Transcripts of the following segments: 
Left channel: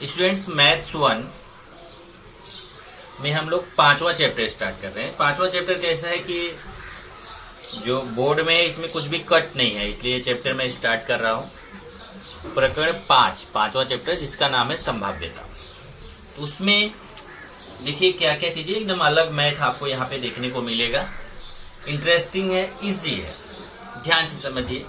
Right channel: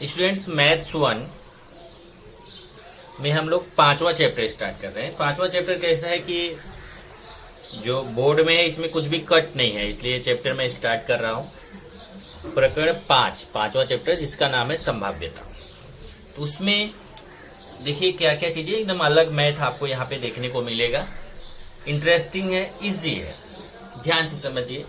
Students maths 1 में हम लोग 5वां चैप्टर स्टार्ट कर रहे हैं। 5वां चैप्टर कैसा है कि जो बोर्ड में है इसमें कुछ भी कट नहीं है, इसलिए ये चैप्टर मैं स्टार्ट कर रहा हूँ। प्रकरण 5वां चैप्टर जिसका नाम है संभाव्यता। तो उसमें देखिए क्या क्या चीजें एकदम अलग मैथ आपको यहाँ पे देखने को मिलेगा। इंटरेस्टिंग है, इजी है, ध्यान से समझिए।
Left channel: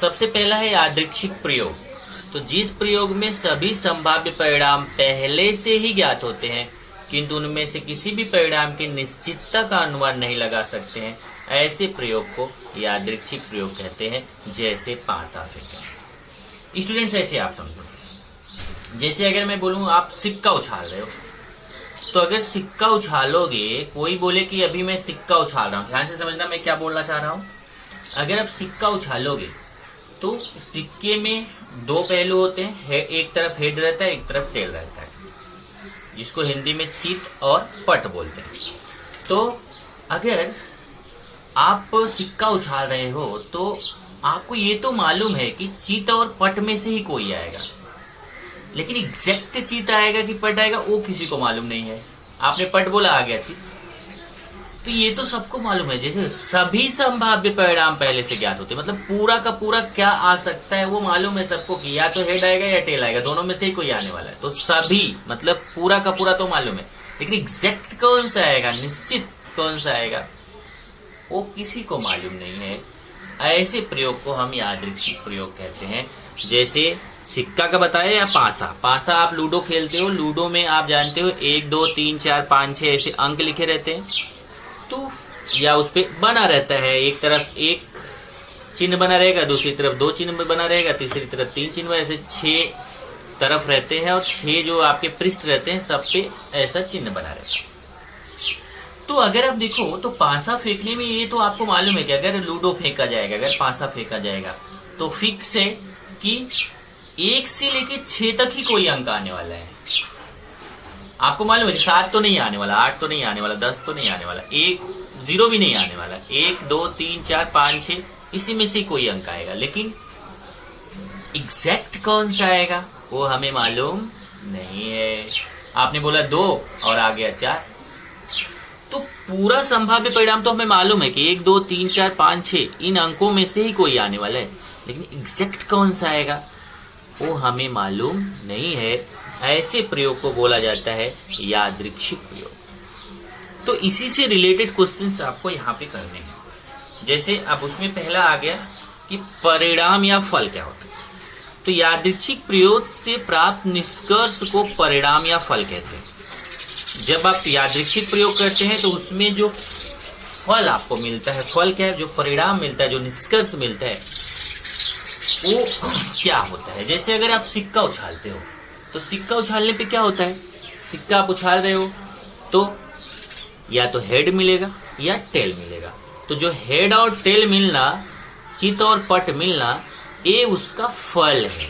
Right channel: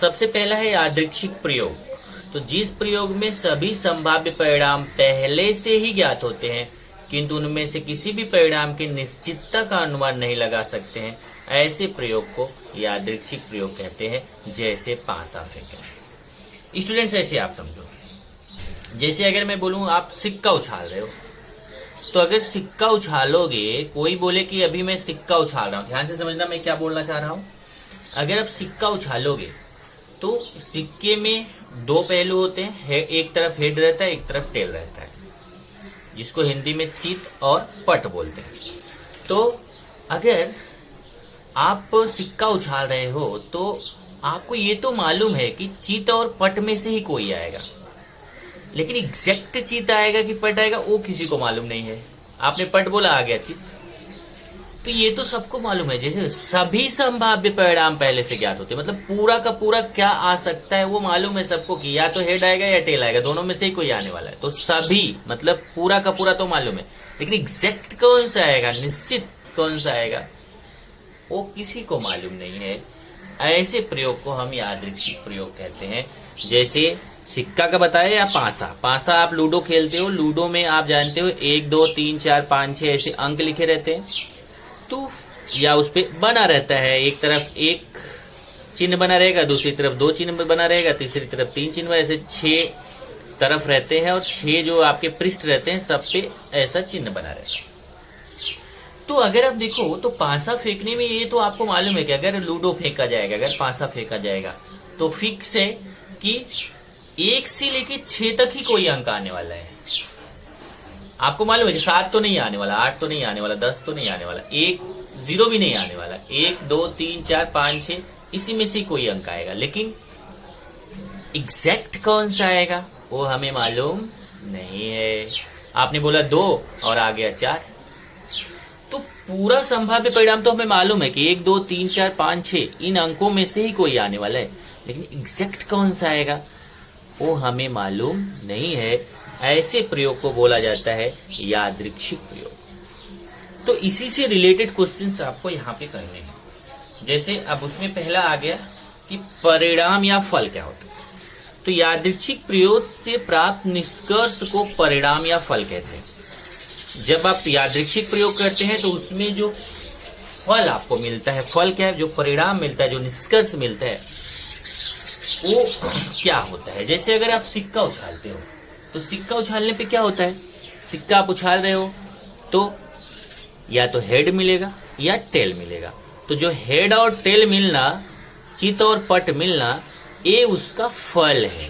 सबसे पहला है यादृच्छिक प्रयोग। तो जिस प्रयोग में सभी संभाव्य परिणाम पहले से ही ज्ञात होते हैं किंतु उनमें से किसी भी परिणाम की निश्चितता का अनुमान नहीं लगा सकते हैं, ऐसे प्रयोग को यादृच्छिक प्रयोग कहते हैं। जैसे पासा फेंकना। स्टूडेंट्स ऐसे आप समझो, जैसे अगर मैं बोलूं आप सिक्का उछाल रहे हो, तो अगर सिक्का उछालोगे, कोई बोले कि अभी मैं सिक्का उछाल रहा हूं, ध्यान से समझना मैं क्या बोलना चाह रहा हूं। अगर आप सिक्का उछालोगे तो सिक्के में दो पहलू होते हैं, एक तरफ हेड रहता है, एक तरफ टेल रहता है, जिसको हिंदी में चित और पट बोलते हैं। तो अगर आप सिक्का उछाल रहे हो तो आपको ये तो मालूम है कि चित और पट में से ही कोई आएगा, लेकिन एग्जैक्ट चित आएगा कि पट आएगा वो किसी को मालूम नहीं है। आपने पट बोला, आ गया चित। तो ये तो सबको मालूम है, जैसे सभी संभाव्य परिणाम पहले से ज्ञात होते हैं, मतलब पूरा का पूरा क्या आ सकता है वो मालूम है सबको कि या तो हेड आएगा या टेल आएगा, दोनों में से ही कोई आने वाला है। तो सभी मतलब पूरा का पूरा तो मालूम है, लेकिन एग्जैक्ट कौन सा आएगा, निश्चित कौन सा आएगा, वो किसी को मालूम नहीं है। ऐसे प्रयोग को हम यादृच्छिक प्रयोग कहते हैं। जैसे सिक्का का बताया या पासा आप लूडो खेलते हो, लूडो में आप जानते हो 1 2 3 4 5 6 ऐसे अंक लिखे रहते हैं, तो या उस पे बना रहता है, एक तरफ एक चिन्ह बना रहेगा, दूसरी तरफ 2 चिन्ह बना रहेगा, तीसरी तरफ 3 चिन्ह, ऐसे 6 तरफ रहते हैं और 6 जो आपके पृष्ठ रहते हैं सब पे ऐसा चिन्ह बना रहता है। तो अगर आप देखो तो पासा फेंकने में ये तो आपको मालूम है कि अगर लूडो फेंका जाएगा, अगर पासा फेंका जाएगा तो फिक्स है कि 1 से लेके 6 तक ही कोई अंक आने वाला है। आपको मालूम है 7 तो नहीं आने वाला, 8 तो नहीं आने वाला, 10 तो नहीं आने वाला, 1 0 भी नहीं आने वाला, 1 2 3 4 5 6 इसी में से कोई अंक आएगा, लेकिन एग्जैक्ट कौन सा आएगा वो हमें मालूम नहीं है। आपने बोला 2 और आ गया 4, तो पूरा संभाव्य परिणाम तो हमें मालूम है कि 1 2 3 4 5 6 इन अंकों में से ही कोई आने वाला है, लेकिन एग्जैक्ट कौन सा आएगा वो हमें मालूम नहीं है। ऐसे प्रयोग को बोला जाता है यादृच्छिक प्रयोग। तो इसी से रिलेटेड क्वेश्चंस आपको यहाँ पे करने हैं। जैसे अब उसमें पहला आ गया कि परिणाम या फल क्या होता है। तो यादृच्छिक प्रयोग से प्राप्त निष्कर्ष को परिणाम या फल कहते हैं। जब आप यादृच्छिक प्रयोग करते हैं तो उसमें जो फल आपको मिलता है, फल क्या है, जो परिणाम मिलता है, जो निष्कर्ष मिलता है वो क्या होता है। जैसे अगर आप सिक्का उछालते हो तो सिक्का उछालने पे क्या होता है, सिक्का आप उछाल रहे हो तो या तो हेड मिलेगा या टेल मिलेगा। तो जो हेड और टेल मिलना, चित और पट मिलना, ये उसका फल है।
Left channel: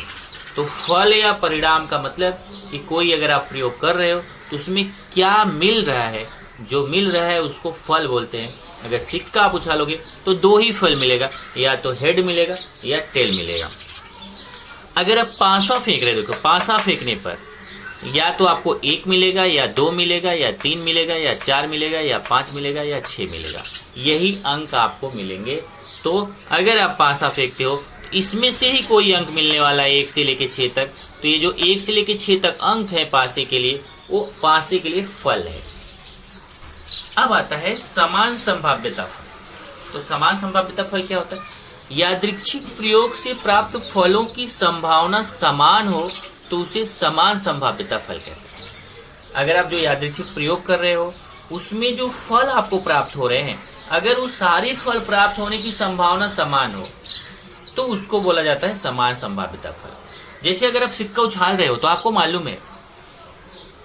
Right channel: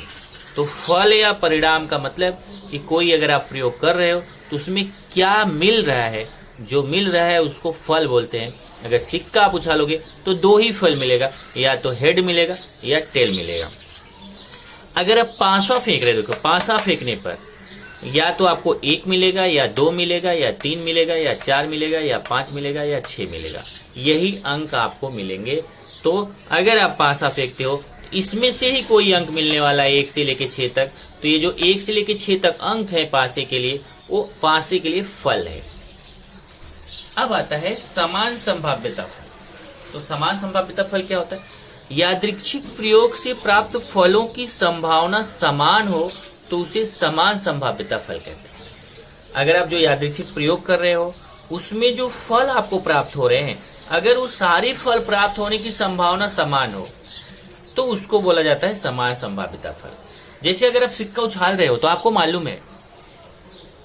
तो फल या परिणाम का मतलब कि कोई अगर आप प्रयोग कर रहे हो तो उसमें क्या मिल रहा है, जो मिल रहा है उसको फल बोलते हैं। अगर सिक्का आप उछालोगे तो 2 ही फल मिलेगा, या तो हेड मिलेगा या टेल मिलेगा। अगर आप पासा फेंक रहे हो तो पासा फेंकने पर या तो आपको 1 मिलेगा या 2 मिलेगा या 3 मिलेगा या 4 मिलेगा या 5 मिलेगा या 6 मिलेगा, यही अंक आपको मिलेंगे। तो अगर आप पासा फेंकते हो इसमें से ही कोई अंक मिलने वाला है 1 से लेके 6 तक। तो ये जो 1 से लेके 6 तक अंक है पासे के लिए, वो पासे के लिए फल है। अब आता है समान संभाव्यता फल। तो समान संभाव्यता फल क्या होता है, यादृच्छिक प्रयोग से प्राप्त फलों की संभावना समान हो तो उसे समान संभाव्यता फल कहते हैं। अगर आप जो यादृच्छिक प्रयोग कर रहे हो उसमें जो फल आपको प्राप्त हो रहे हैं, अगर वो सारे फल प्राप्त होने की संभावना समान हो तो उसको बोला जाता है समान संभाव्यता फल। जैसे अगर आप सिक्का उछाल रहे हो तो आपको मालूम है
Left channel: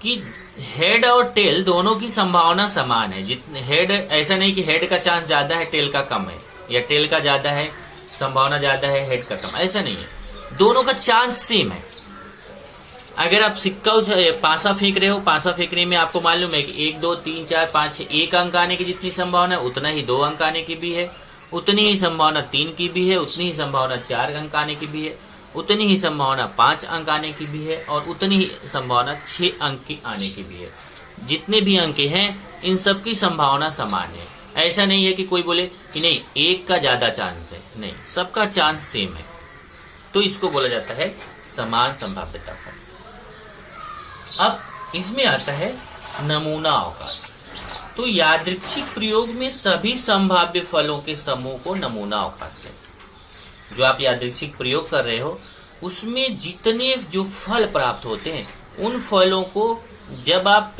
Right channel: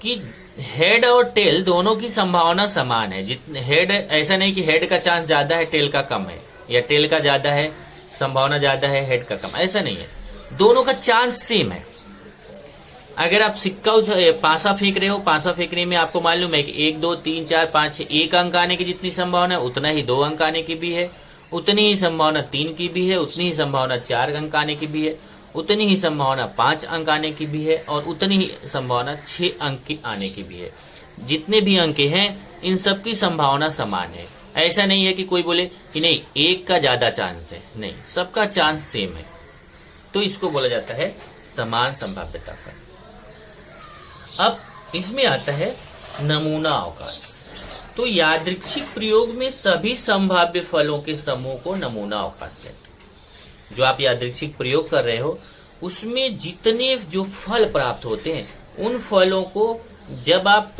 कि हेड और टेल दोनों की संभावना समान है। जितने हेड, ऐसा नहीं कि हेड का चांस ज्यादा है टेल का कम है, या टेल का ज्यादा है संभावना ज्यादा है हेड का कम, ऐसा नहीं है, दोनों का चांस सेम है। अगर आप सिक्का पासा फेंक रहे हो, पासा फेंकने में आपको मालूम है कि 1 2 3 4 5 6 1 अंक आने की जितनी संभावना है उतना ही 2 अंक आने की भी है, उतनी ही संभावना 3 की भी है, उतनी ही संभावना 4 अंक आने की भी है, उतनी ही संभावना 5 अंक आने की भी है और उतनी ही संभावना 6 अंक की आने की भी है। जितने भी अंक हैं इन सब की संभावना समान है। ऐसा नहीं है कि कोई बोले कि नहीं एक का ज्यादा चांस है, नहीं, सबका चांस सेम है। तो इसको बोला जाता है समान संभाव्यता फल। अब इसमें आता है नमूना अवकाश। तो यादृच्छिक प्रयोग में सभी संभाव्य फलों के समूह को नमूना अवकाश कहते हैं। जो आप यादृच्छिक प्रयोग कर रहे हो उसमें जितने जो फल प्राप्त होते हैं उन फलों को जब आप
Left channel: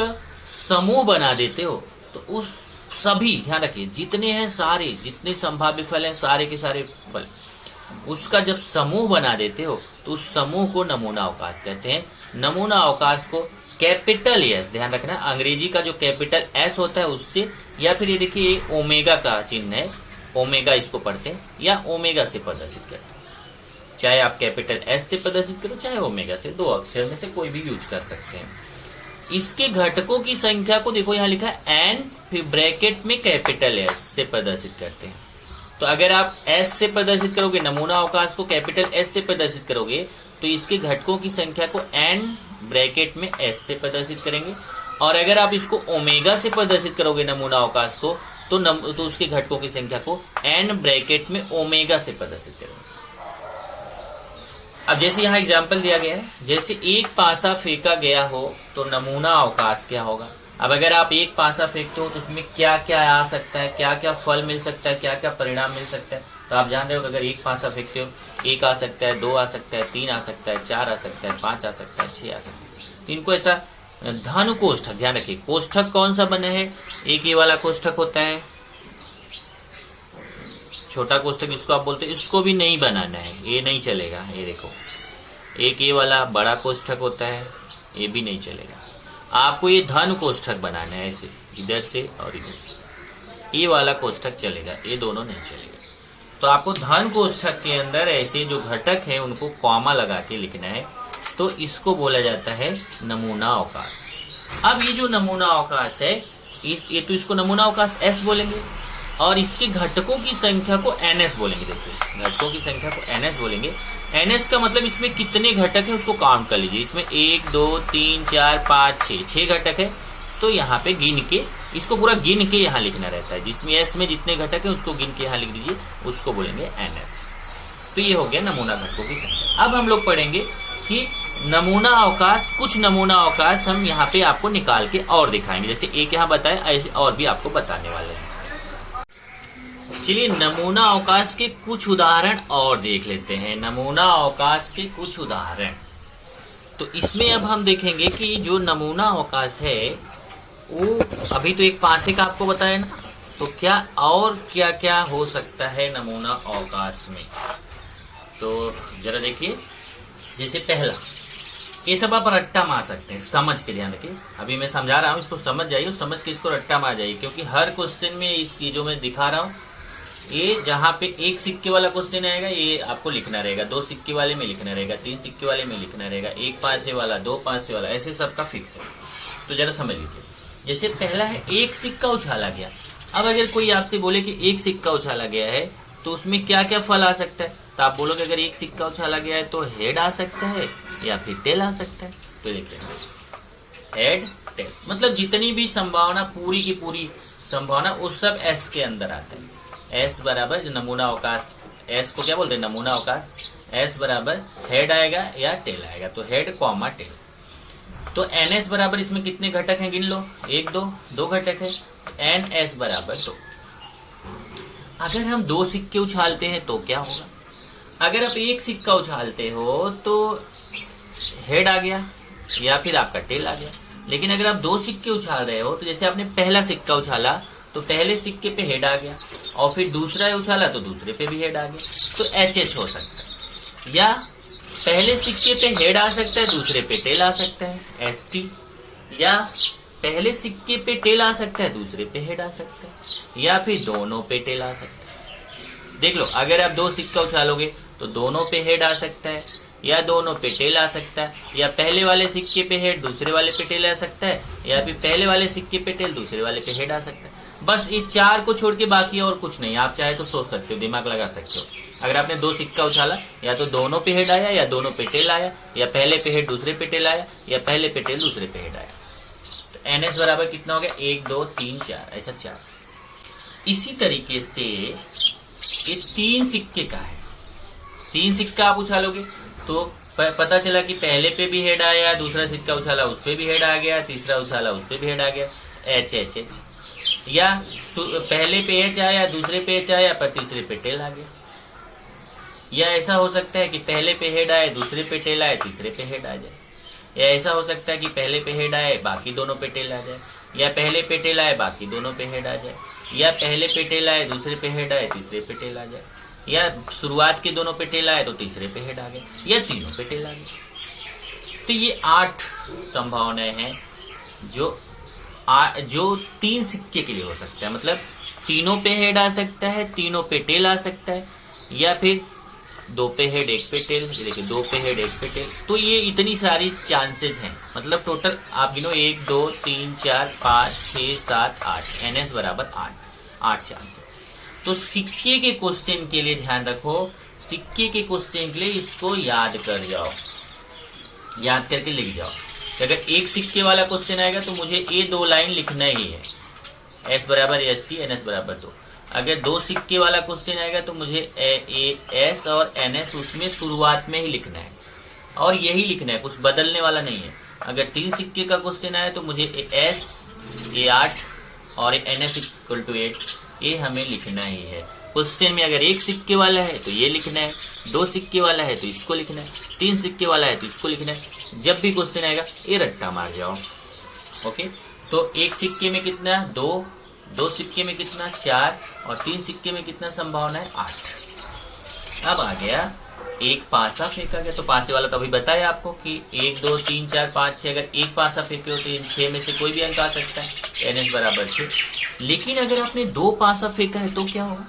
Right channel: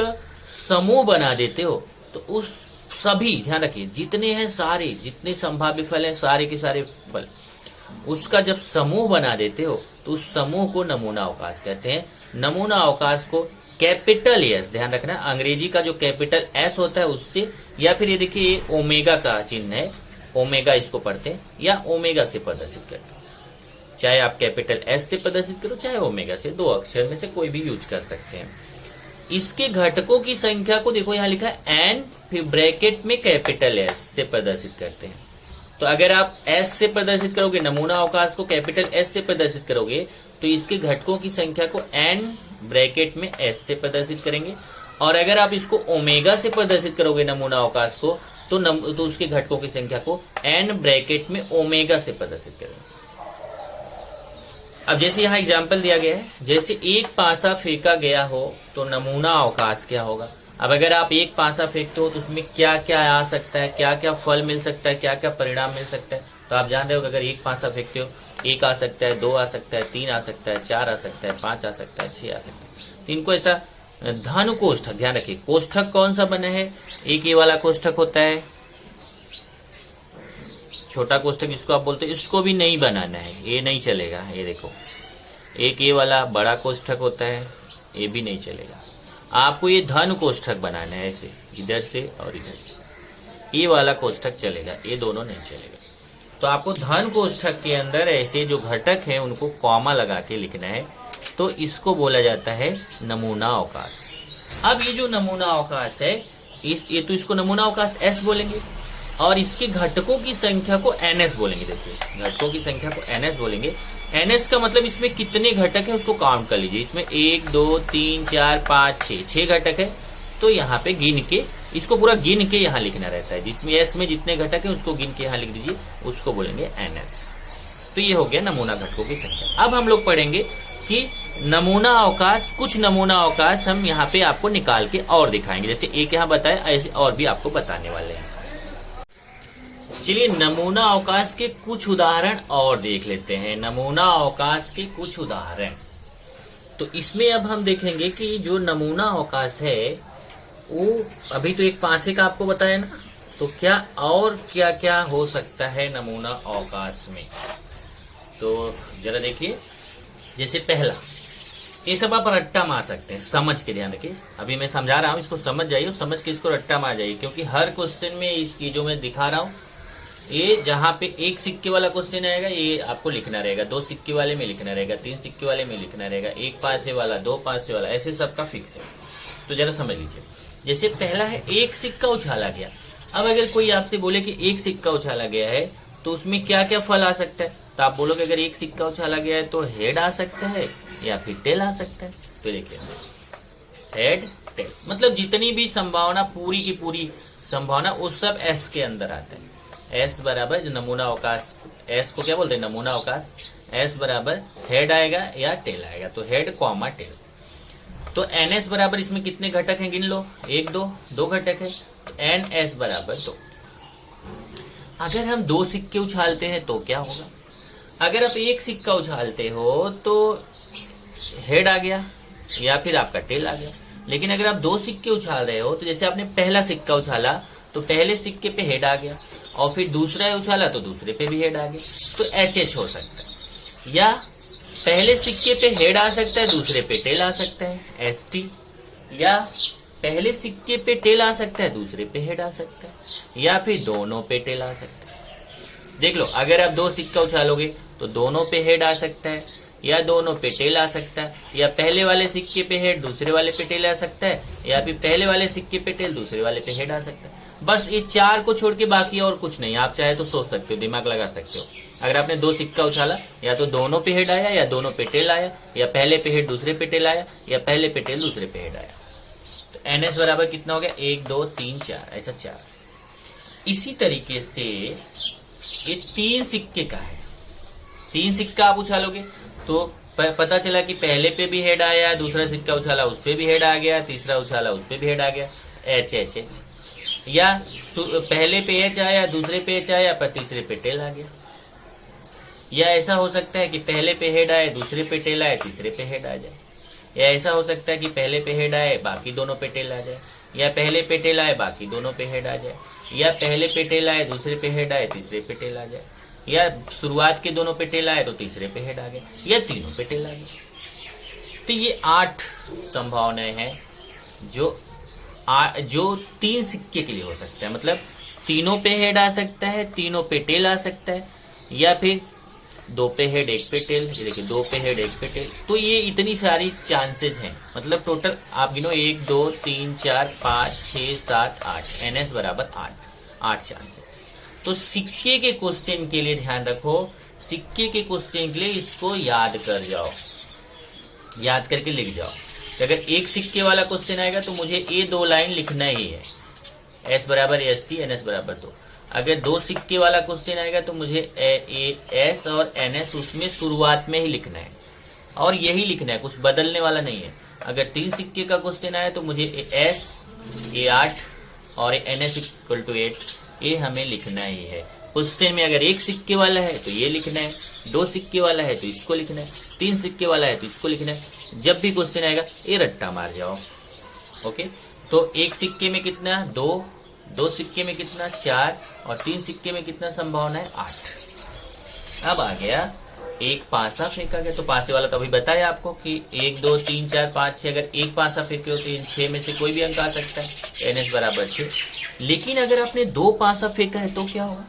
समूह बना देते हो तो उस सभी, ध्यान रखिए, जितने हैं सारे, जितने संभाव्य फल हैं सारे के सारे फल, उसका जब समूह बना देते हो तो उस समूह को नमूना अवकाश कहते हैं। नमूना अवकाश को कैपिटल एस, ध्यान रखना, अंग्रेजी का जो कैपिटल एस होता है उससे, या फिर ये देखिए ओमेगा का चिन्ह है, ओमेगा इसको पढ़ते हैं, या ओमेगा से प्रदर्शित करते हैं। चाहे आप कैपिटल एस से प्रदर्शित करो चाहे ओमेगा से, 2 अक्षर में से कोई भी यूज कर सकते हैं। इसके घटकों की संख्या को देखो यहाँ लिखा है एन, फिर ब्रैकेट में कैपिटल एस से प्रदर्शित करते हैं। तो अगर आप एस से प्रदर्शित करोगे, नमूना अवकाश को कैपिटल एस से प्रदर्शित करोगे तो इसके घटकों की संख्या को एन ब्रैकेट में एस से प्रदर्शित करेंगे। और अगर आप इसको ओमेगा से प्रदर्शित करोगे नमूना अवकाश को तो उसके घटकों की संख्या को एन ब्रैकेट में ओमेगा से प्रदर्शित करेंगे। अब जैसे यहाँ एग्जाम्पल दिया गया है, जैसे एक पासा फेंका गया हो तो नमूना अवकाश क्या होगा। अब अगर आप एक पासा फेंकते हो तो उसमें क्या क्या आ सकता है, क्या क्या फल मिल सकता है, क्या क्या परिणाम मिल सकता है। तो आप जान रहे हो कि अगर एक पासा फेंकते हो 1 आ सकता है, 2 आ सकता है, 3 आ सकता है, 4 आ सकता है, 5 आ सकता है, 6 आ सकता है। इनको ऐसा धन कोष्ठक, ध्यान रखिए कोष्ठक कौन सा बना है, एक ये वाला कोष्ठक होता है, छोटा कोष्ठक जिसको आप बोलते हैं, इसको भी नहीं बनाना है, ये नहीं चलेगा। ये देखो एक ये वाला बड़ा कोष्ठक होता है, ये भी नहीं चलेगा। आपको ये धन कोष्ठक बनाना है, ऐसे इधर से और इधर से, ये वाला कोष्ठक चलेगा, ये दोनों नहीं चलेगा। तो आपको धन कोष्ठक के अंदर ऐसे जो घटक हैं उनको कॉमा लगा के लिखना है। तो इसको बोला जाता है नमूना अवकाश। अब ये जो नमूना अवकाश है ये तो इसको नमूना अवकाश एस बोलेंगे और इसके घटकों की संख्या को एनएस बोलेंगे। देखिए घटकों की संख्या को एनएस बोलेंगे। एनएस का मतलब इसमें कितने घटक है उसको काउंट कर लीजिए। इसमें 1 2 3 4 5 6 घटक है। तो यहाँ पे गिन के, इसको पूरा गिन के यहाँ लिखना रहता है। जिसमें एस में जितने घटक है उसको गिन के यहाँ लिख दीजिए, उसको बोलेंगे एनएस। तो ये हो गया नमूना घटकों की संख्या। अब हम लोग पढ़ेंगे कि नमूना अवकाश, कुछ नमूना अवकाश हम यहाँ पे आपको निकाल के और दिखाएंगे। जैसे एक यहाँ बताया ऐसे और भी आपको बताने वाले हैं। चलिए नमूना अवकाश के कुछ उदाहरण और देख लेते हैं। नमूना अवकाश के कुछ उदाहरण, तो इसमें अब हम देखेंगे कि जो नमूना अवकाश है वो अभी तो एक पासे का आपको बताया ना, तो क्या और क्या क्या हो सकता है नमूना अवकाश में। तो जरा देखिए, जैसे पहला, ये सब आप रट्टा मार सकते हैं, समझ के ध्यान रखिए। अभी मैं समझा रहा हूँ, इसको समझ जाइए, समझ के इसको रट्टा मार जाइए, क्योंकि हर क्वेश्चन में इस ये जो मैं दिखा रहा हूँ, ये जहाँ पे 1 सिक्के वाला क्वेश्चन आएगा ये आपको लिखना रहेगा, 2 सिक्के वाले में लिखना रहेगा, 3 सिक्के वाले में लिखना रहेगा, 1 पासे वाला, 2 पासे वाला, ऐसे सबका फिक्स है। तो जरा समझ लीजिए। जैसे पहला है 1 सिक्का उछाला गया। अब अगर कोई आपसे बोले कि 1 सिक्का उछाला गया है तो उसमें क्या क्या फल आ सकता है, तो आप बोलोगे अगर 1 सिक्का उछाला गया है तो हेड आ सकता है या फिर टेल आ सकता है। तो देखिए हेड टेल मतलब जितनी भी संभावना, पूरी की पूरी संभावना, वो सब एस के अंदर आता है। एस बराबर नमूना अवकाश, एस को क्या बोलते हैं नमूना अवकाश, एस बराबर हेड आएगा या टेल आएगा, तो हेड कॉमा टेल। तो एन एस बराबर इसमें कितने घटक हैं गिन लो, 1 2 घटक है, एन एस बराबर 2। अगर हम 2 सिक्के उछालते हैं तो क्या होगा, अगर आप 1 सिक्का उछालते हो तो हेड आ गया या फिर आपका टेल आ गया। लेकिन अगर आप 2 सिक्के उछाल रहे हो तो जैसे आपने पहला सिक्का उछाला तो पहले सिक्के पे हेड आ गया और फिर दूसरा उछाला तो दूसरे पे भी हेड आ गया, तो एच एच हो सकता है। या पहले सिक्के पे हेड आ सकता है, दूसरे पे टेल आ सकता है, एस टी। या पहले सिक्के पे टेल आ सकता है, दूसरे पे हेड आ सकता है, या फिर दोनों पे टेल आ सकता है। देख लो, अगर आप 2 सिक्का उछालोगे तो दोनों पे हेड आ सकता है या दोनों पे टेल आ सकता है, या पहले वाले सिक्के पे हेड दूसरे वाले पे टेल आ सकता है, या फिर पहले वाले सिक्के पे टेल दूसरे वाले पे हेड आ सकता है। बस ये 4 को छोड़ के बाकी और कुछ नहीं। आप चाहे तो सोच सकते हो, दिमाग लगा सकते हो। अगर आपने 2 सिक्का उछाला, या तो दोनों पे हेड आया, या दोनों पे टेल आया, या पहले पे हेड दूसरे पे टेल आया, या पहले पे टेल दूसरे पे हेड आया। तो NS बराबर कितना हो गया, 1 2 3 4, ऐसा 4। इसी तरीके से ये 3 सिक्के का है। 3 सिक्का आप उछालोगे तो पता चला कि पहले पे भी हेड आया, दूसरा सिक्का उछाला उस पे भी हेड आ गया, तीसरा उछाला उस पे भी हेड आ गया, एच एच एच। या पहले पे एच आया, दूसरे पे एच आया, पर तीसरे पे टेल आ गया। या ऐसा हो सकता है कि पहले पे हेड आए, दूसरे पे टेल आए, तीसरे पे हेड आ जाए। या ऐसा हो सकता है कि पहले पे हेड आए, बाकी दोनों पे टेल आ जाए। या पहले पे टेल आए, बाकी दोनों पे हेड आ जाए। या पहले पे टेल आए, दूसरे पे हेड आए, तीसरे पे टेल आ जाए। या शुरुआत के दोनों पे टेल आए तो तीसरे पे हेड आ गए, या तीनों पे टेल आ गए। तो ये 8 संभावनाएं हैं जो 3 सिक्के के लिए हो सकता है। मतलब तीनों पे हेड आ सकता है, तीनों पे टेल आ सकता है, या फिर 2 पे हेड 1 पे टेल, देखिए 2 पे हेड 1 पे टेल। तो ये इतनी सारी चांसेस हैं। मतलब टोटल आप गिनो 1 2 3 4 5 6 7 8, NS बराबर 8 चांसेस। तो सिक्के के क्वेश्चन के लिए ध्यान रखो, सिक्के के क्वेश्चन के लिए इसको याद कर जाओ, याद करके लिख जाओ। तो अगर एक सिक्के वाला क्वेश्चन आएगा तो मुझे ये 2 लाइन लिखना ही है, S बराबर ST, NS बराबर 2। अगर 2 सिक्के वाला क्वेश्चन आएगा तो मुझे S और NS उसमें शुरुआत में ही लिखना है, और यही लिखना है, कुछ बदलने वाला नहीं है। अगर 3 सिक्के का क्वेश्चन आए तो मुझे S ये 8 और NS इक्वल टू 8, ये हमें लिखना ही है। क्वेश्चन में अगर 1 सिक्के वाला है तो ये लिखना है, 2 सिक्के वाला है तो इसको लिखना है, 3 सिक्के वाला है तो इसको लिखना है। जब भी क्वेश्चन आएगा ये रट्टा मार जाओ। ओके, तो 1 सिक्के में कितना 2 सिक्के में कितना 4, और 3 सिक्के में कितना संभावना है 8। अब आ गया एक पासा फेंका गया। तो पासे वाला तो अभी बताया आपको कि 1 2 3 4 5 6, अगर एक पासा फेंके हो तो इन 6 में से कोई भी अंक आ सकता है, NS बराबर 6। लेकिन अगर आपने 2 पासा फेंका है तो क्या होगा,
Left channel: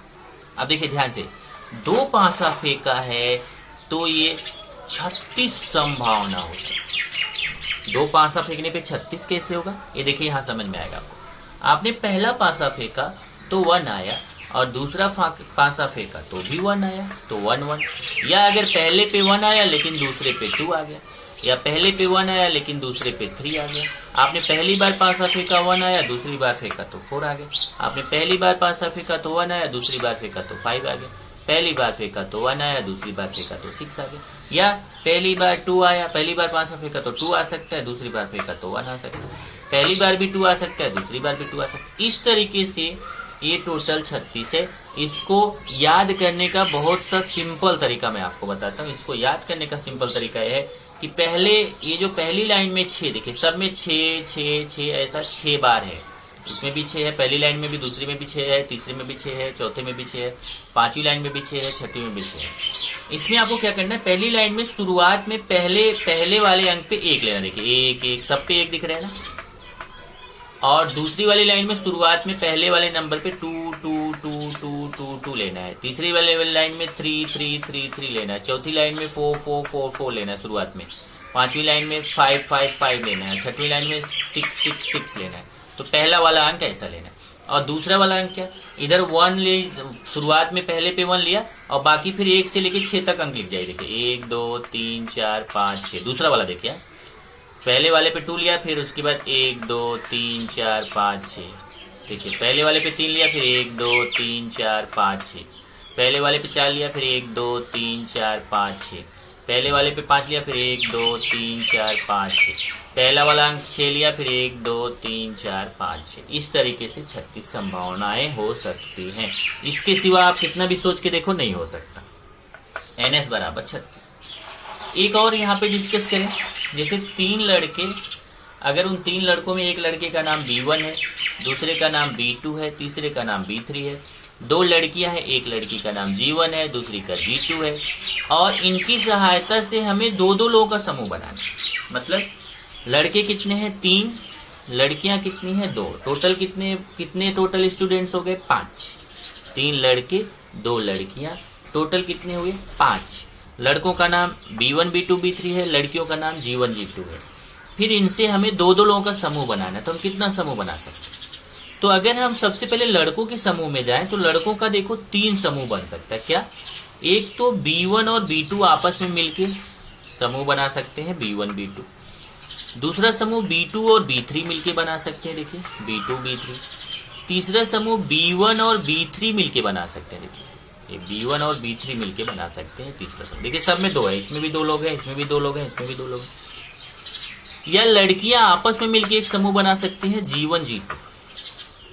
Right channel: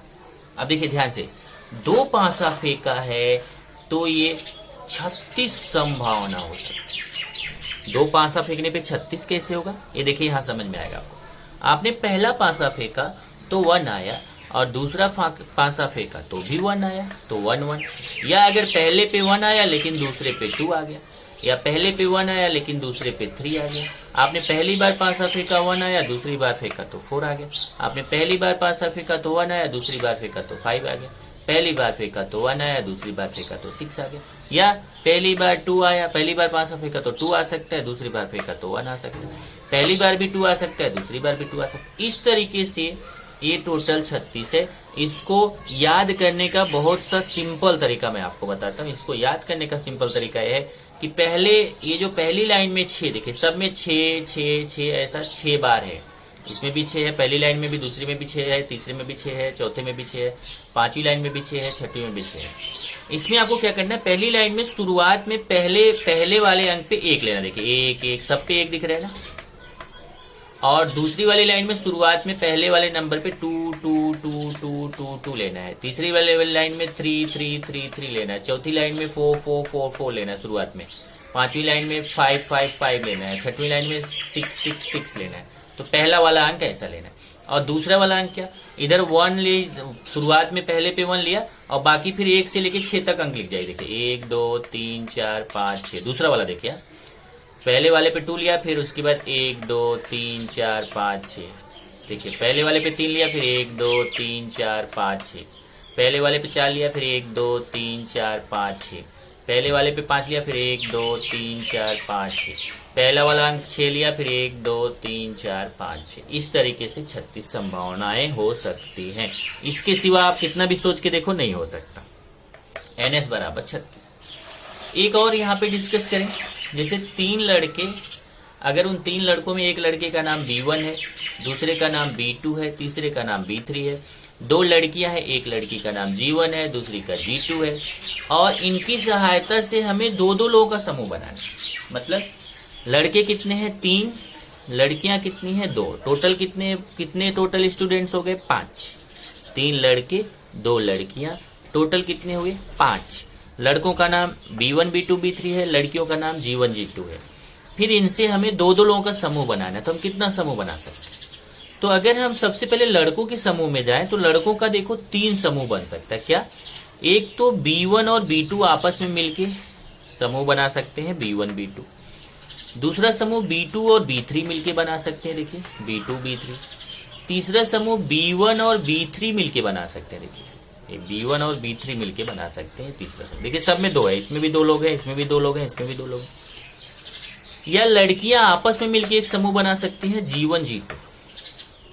अब देखिए ध्यान से, 2 पासा फेंका है तो ये 36 संभावना हो सकती है। 2 पासा फेंकने पे 36 कैसे होगा, ये देखिए यहां समझ में आएगा आपको। आपने पहला पासा फेंका तो 1 आया, और दूसरा पासा फेंका तो भी 1 आया, तो 1 1। या अगर पहले पे 1 आया लेकिन दूसरे पे 2 आ गया, या पहले पे 1 आया लेकिन दूसरे पे 3 आ गया। आपने पहली बार पासा फेंका 1 आया, दूसरी बार फेंका तो 4 आ गया। आपने पहली बार पासा फेंका तो 1 आया, दूसरी बार फेंका तो 5 आ गया। पहली बार फेंका तो 1 आया, दूसरी बार फेंका तो 6 आ गया। या पहली बार 2 आया, पहली बार पासा फेंका तो 2 आ सकता है, दूसरी बार फेंका तो 1 आ सकता है। पहली बार भी 2 आ सकता है, दूसरी बार भी 2 आ सकता है। इस तरीके से ये टोटल 36 है। इसको याद करने का बहुत सा सिंपल तरीका मैं आपको बताता हूँ। इसको याद करने का सिंपल तरीका है कि पहले ये जो पहली लाइन में 6, देखिए सब में 6 6 6 ऐसा 6 बार है। इसमें भी 6 है, पहली लाइन में भी, दूसरी में भी 6 है, तीसरे में भी 6 है, चौथे में भी 6 है, पांचवी लाइन में भी 6 है, छठी में भी 6 है। इसमें आपको क्या करना है, पहली लाइन में शुरुआत में पहले वाले अंक पे 1 लेना। देखिए 1 1 सब पे 1 दिख रहा है ना। और दूसरी वाली लाइन में शुरुआत में पहले वाले नंबर पे 2 2 2 2 2 2 लेना है। तीसरी वाले लाइन में 3 3 3 3 लेना है। चौथी लाइन में 4 4 4 4 लेना है शुरुआत में। पांचवी लाइन में 5 5 5 लेना है। छठवीं लाइन में 6 6 6 लेना है। तो पहला वाला अंक ऐसा लेना है। और दूसरा वाला अंक क्या, इधर 1 ले, शुरुआत में पहले पे 1 लिया और बाकी फिर 1 से लेके 6 तक अंक लिख जाए। देखिए 1 2 3 4 5 6। दूसरा वाला देखिए, पहले वाले पे 2 लिया, फिर उसके बाद 1 2 3 4 5 6। देखिए पहले वाले पे 3 लिया, फिर 1 2 3 4 5 6। पहले वाले पे 4 लिया, फिर 1 2 3 4 5 6। पहले वाले पे 5 लिया, फिर 1 2 3 4 5 6। पहला वाला अंक 6 लिया, फिर 1 2 3 4 5 6। इस तरीके से 36 संभावनाएं हो सकती हैं। इसके सिवा आप कितना भी सोच के देखो नहीं हो सकता। NS बराबर 36। एक और यहाँ पे डिस्कस करें, जैसे 3 लड़के, अगर उन 3 लड़कों में एक लड़के का नाम B1 है, दूसरे का नाम B2 है, तीसरे का नाम B3 है। 2 लड़कियां हैं, एक लड़की का नाम G1 है, दूसरी का B2 है, और इनकी सहायता से हमें 2 लोगों का समूह बनाना है। मतलब लड़के कितने हैं 3, लड़कियां कितनी हैं 2, टोटल कितने टोटल स्टूडेंट्स हो गए 5। 3 लड़के 2 लड़कियां, टोटल कितने हुए 5। लड़कों का नाम B1 B2 B3 है, लड़कियों का नाम G1 G2 है। फिर इनसे हमें 2 लोगों का समूह बनाना है। तो हम कितना समूह बना सकते हैं? तो अगर हम सबसे पहले लड़कों के समूह में जाएं तो लड़कों का देखो 3 समूह बन सकता है। क्या? एक तो B1 और B2 आपस में मिलके समूह बना सकते हैं B1 B2। दूसरा समूह B2 और B3 मिलके बना सकते हैं, देखिए B2 B3। तीसरा समूह B1 और B3 मिलके बना सकते हैं, देखिए B1 और B3 मिलके बना सकते हैं तीसरा समूह। देखिए सब में दो है, इसमें भी दो लोग हैं, इसमें भी दो लोग हैं, इसमें भी दो लोग हैं। या लड़कियां आपस में मिलके एक समूह बना सकती हैं G1 G2।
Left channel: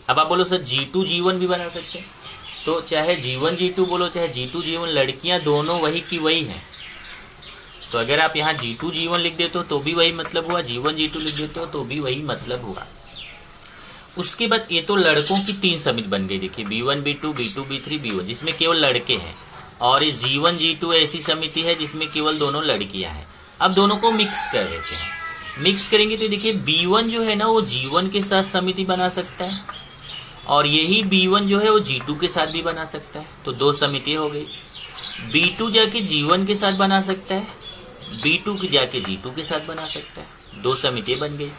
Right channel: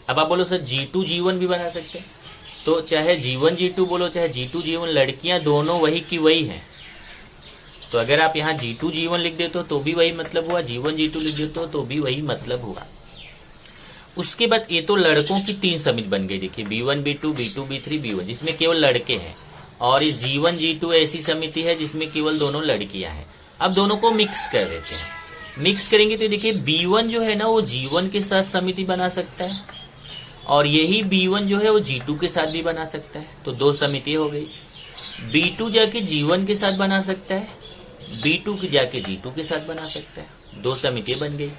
अब आप बोलो सर G2 G1 भी बना सकते हैं, तो चाहे G1 G2 बोलो चाहे G2 G1, लड़कियां दोनों वही की वही हैं। तो अगर आप यहाँ G2 G1 लिख देते हो तो भी वही मतलब हुआ, G1 G2 लिख देते हो तो भी वही मतलब हुआ। उसके बाद ये तो लड़कों की 3 समिति बन गई, देखिए B1 B2 B2 B3 B1, जिसमें केवल लड़के हैं। और इस G1 G2 ऐसी समिति है जिसमें केवल दोनों लड़कियां हैं। अब दोनों को मिक्स कर देते हैं। मिक्स करेंगे तो देखिए B1 जो है ना वो G1 के साथ समिति बना सकता है, और यही B1 जो है वो G2 के साथ भी बना सकता है, तो 2 समिति हो गई। B2 जाके G1 के साथ बना सकता है, B2 की जाके G2 के साथ बना सकता है, 2 समिति बन गई।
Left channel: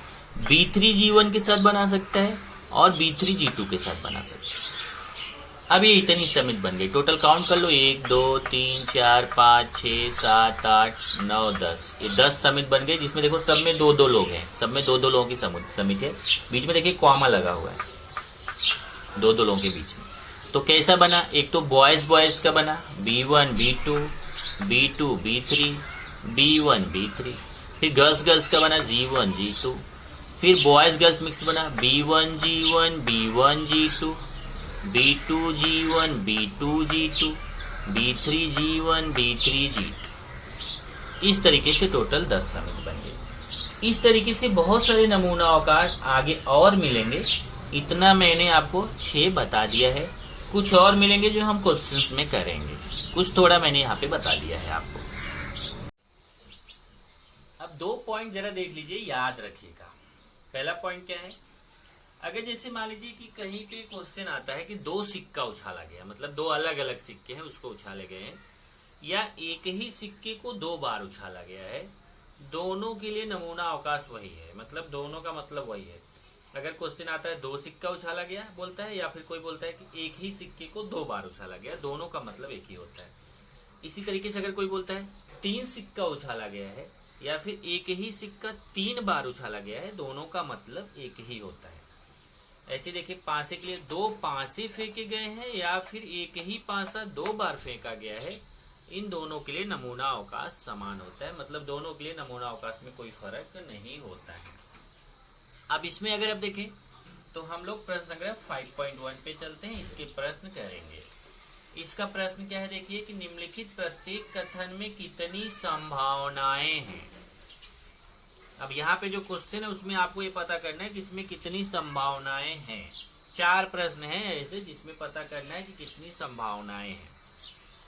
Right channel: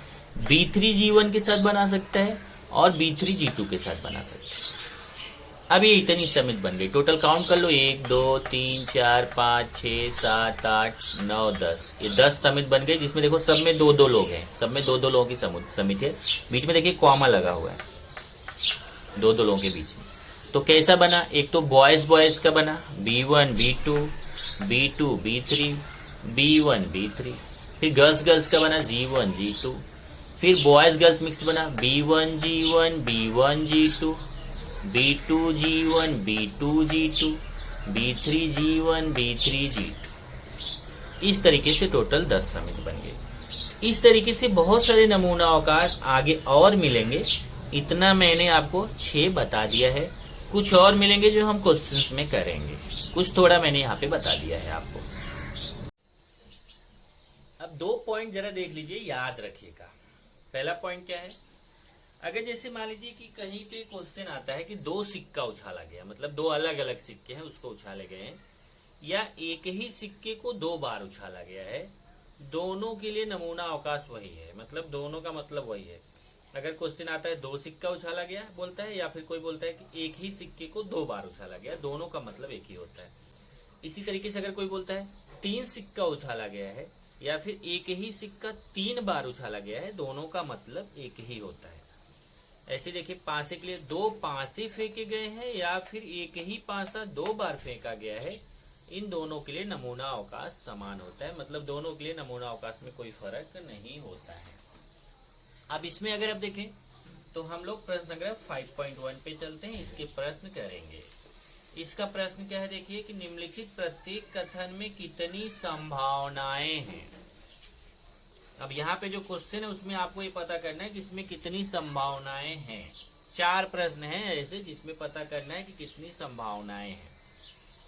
B3 G1 के साथ बना सकता है और B3 G2 के साथ बना सकता है। अब ये इतनी समिति बन गई, टोटल काउंट कर लो 1 2 3 4 5 6 7 8 9 10, ये 10 समिति बन गई, जिसमें देखो सब में 2 2 लोग हैं, सब में 2 2 लोगों की समिति है। बीच में देखिए कॉमा लगा हुआ है 2 2 लोगों के बीच में। तो कैसा बना, एक तो बॉयज बॉयज का बना B1 B2 B2 B3 B1 B3, फिर गर्ल्स गर्ल्स का बना G1 G2, फिर बॉयज गर्ल्स मिक्स बना B1 G1 B1 G2 B2 G1 B2 G2 B3 G1 B3 G2। इस तरीके से टोटल 10 समिति बन गई। इस तरीके से बहुत सारे नमूना अवकाश आगे और मिलेंगे, इतना मैंने आपको 6 बता दिया है। कुछ और मिलेंगे जो हम क्वेश्चंस में करेंगे, कुछ थोड़ा मैंने यहाँ पे बता दिया है आपको। अब 2 पॉइंट जरा देख लीजिए, याद रखिएगा। पहला पॉइंट क्या है, अगर जैसे मान लीजिए कि कहीं पे क्वेश्चन आता है कि 2 सिक्का उछाला गया, मतलब 2 अलग अलग सिक्के हैं उसको उछाले गए हैं, या एक ही सिक्के को 2 बार उछाला गया है, दोनों के लिए नमूना अवकाश वही है, मतलब दोनों का मतलब वही है। अगर क्वेश्चन आता है 2 सिक्का उछाला गया बोलता है, या फिर कोई बोलता है कि एक ही सिक्के को 2 बार उछाला गया, दोनों का मतलब एक ही होता है। इसी तरीके से अगर कोई बोलता है 3 सिक्का उछाला गया है, या फिर एक ही सिक्का 3 बार उछाला गया है, दोनों का मतलब एक ही होता है। ऐसे देखिए पांसे के लिए 2 पांसे फेंके गए हैं, या फिर एक ही पांसा 2 बार फेंका गया है, इन दोनों के लिए नमूना अवकाश समान होता है, मतलब दोनों के लिए नमूना अवकाश में कोई फर्क नहीं होता है। अब इसमें अगर आप देखें तो हम लोग प्रश्न संग्रह 5.1 पे चलते हैं, इसके प्रश्न करेंगे। इसका प्रश्न क्या है, देखिए कि निम्नलिखित प्रत्येक कथन में कितनी संभावनाएं हैं। अब यहाँ पे जो क्वेश्चन है उसमें आपको ये पता करना है कि इसमें कितनी संभावनाएं हैं। 4 प्रश्न हैं ऐसे जिसमें पता करना है कि कितनी संभावनाएं हैं।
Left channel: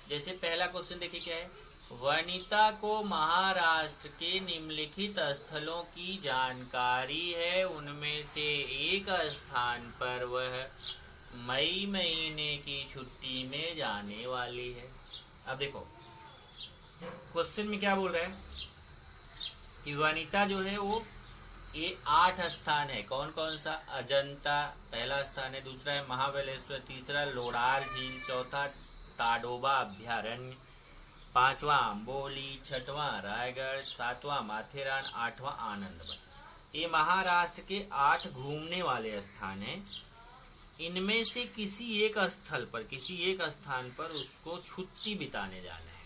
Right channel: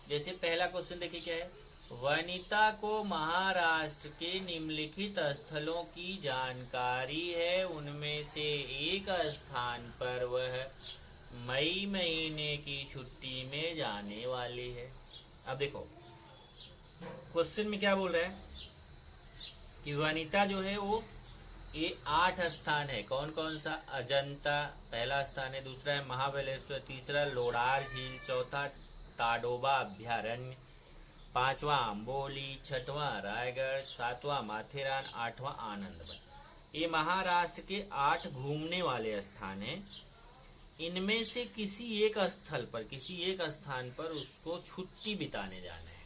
जैसे पहला क्वेश्चन देखिए क्या है, वनिता को महाराष्ट्र के निम्नलिखित स्थलों की जानकारी है, उनमें से एक स्थान पर वह मई महीने की छुट्टी में जाने वाली है। अब देखो क्वेश्चन में क्या बोल रहा है कि वनिता जो है वो ये 8 स्थान है, कौन कौन सा, अजंता पहला स्थान है, दूसरा है महाबलेश्वर, तीसरा लोडार झील, चौथा ताडोबा अभ्यारण्य, 5वां अम्बोली, 6वां रायगढ़, 7वां माथेरान, 8वां आनंदवन। ये महाराष्ट्र के 8 घूमने वाले स्थान हैं। इनमें से किसी एक स्थान पर उसको छुट्टी बिताने जाना है,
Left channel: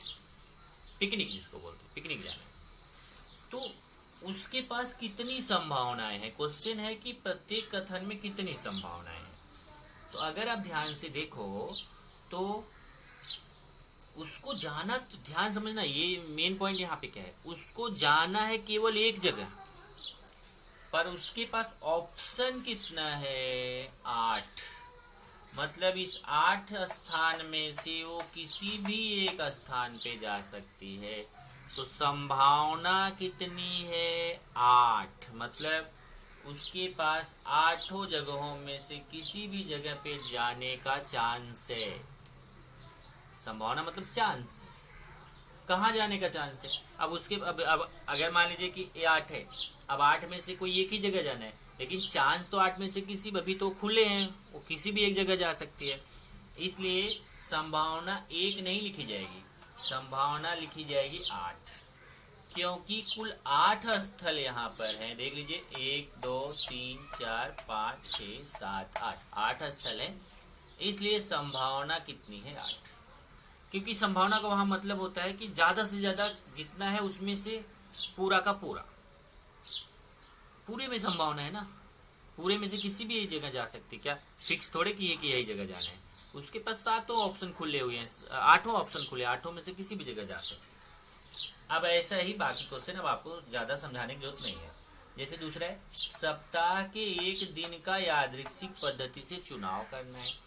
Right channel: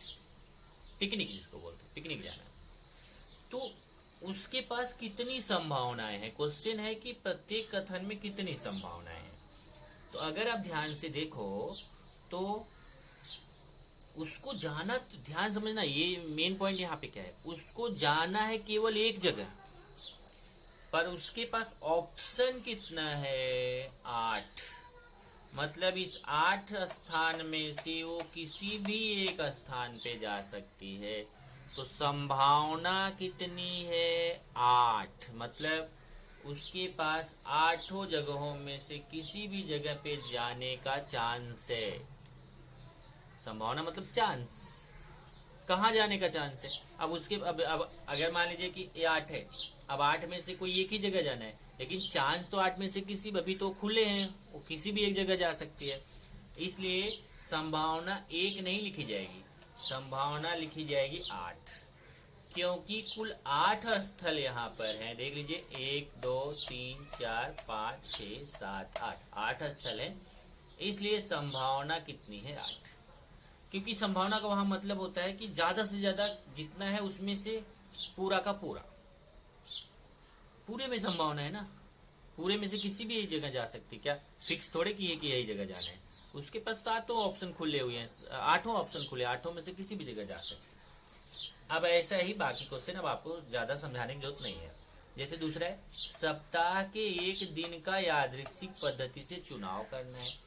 पिकनिक जिसको बोलते हैं, पिकनिक जाना है। तो उसके पास कितनी संभावनाएं हैं, क्वेश्चन है कि प्रत्येक कथन में कितनी संभावनाएं हैं। तो अगर आप ध्यान से देखो तो उसको जाना, ध्यान समझना, ये मेन पॉइंट यहाँ पे क्या है, उसको जाना है केवल एक जगह, पर उसके पास ऑप्शन कितना है, 8। मतलब इस 8 स्थान में से वो किसी भी एक स्थान पे जा सकती है। तो संभावना कितनी है, 8। मतलब उसके पास 8 जगहों में से किसी भी जगह पे जाने का चांस है। संभावना मतलब चांस, कहाँ जाने का चांस है। अब उसके अब अगर मान लीजिए कि ये 8 है, अब 8 में से कोई एक ही जगह जाना है, लेकिन चांस तो 8 में से किसी, अभी तो खुले हैं, वो किसी भी एक जगह जा सकती है, इसलिए संभावना 1 नहीं लिखी जाएगी, संभावना लिखी जाएगी 8, क्योंकि कुल 8 स्थल यहाँ पर हैं। देख लीजिए 1 2 3 4 5 6 7 8 स्थल है, इसलिए संभावना कितनी है 8। क्योंकि संभावना का वहां मतलब होता है कि ज्यादा से ज्यादा जितना है उसमें से पूरा का पूरा, पूरे में संभावना है ना, पूरे में से किसी भी जगह जा सकती, क्या फिक्स थोड़े की है कि यही जगह जाना है। उसके पास 7 ऑप्शन खुले हुए हैं, 8 ऑप्शन खुले, 8 में से किसी भी जगह जा सकते। अब ऐसा ही बाकी क्वेश्चन, अब आपको ज्यादा समझाने की जरूरत नहीं है। जैसे दूसरा है, सप्ताह के एक दिन का यादृच्छिक पद्धति से चुनाव करना है।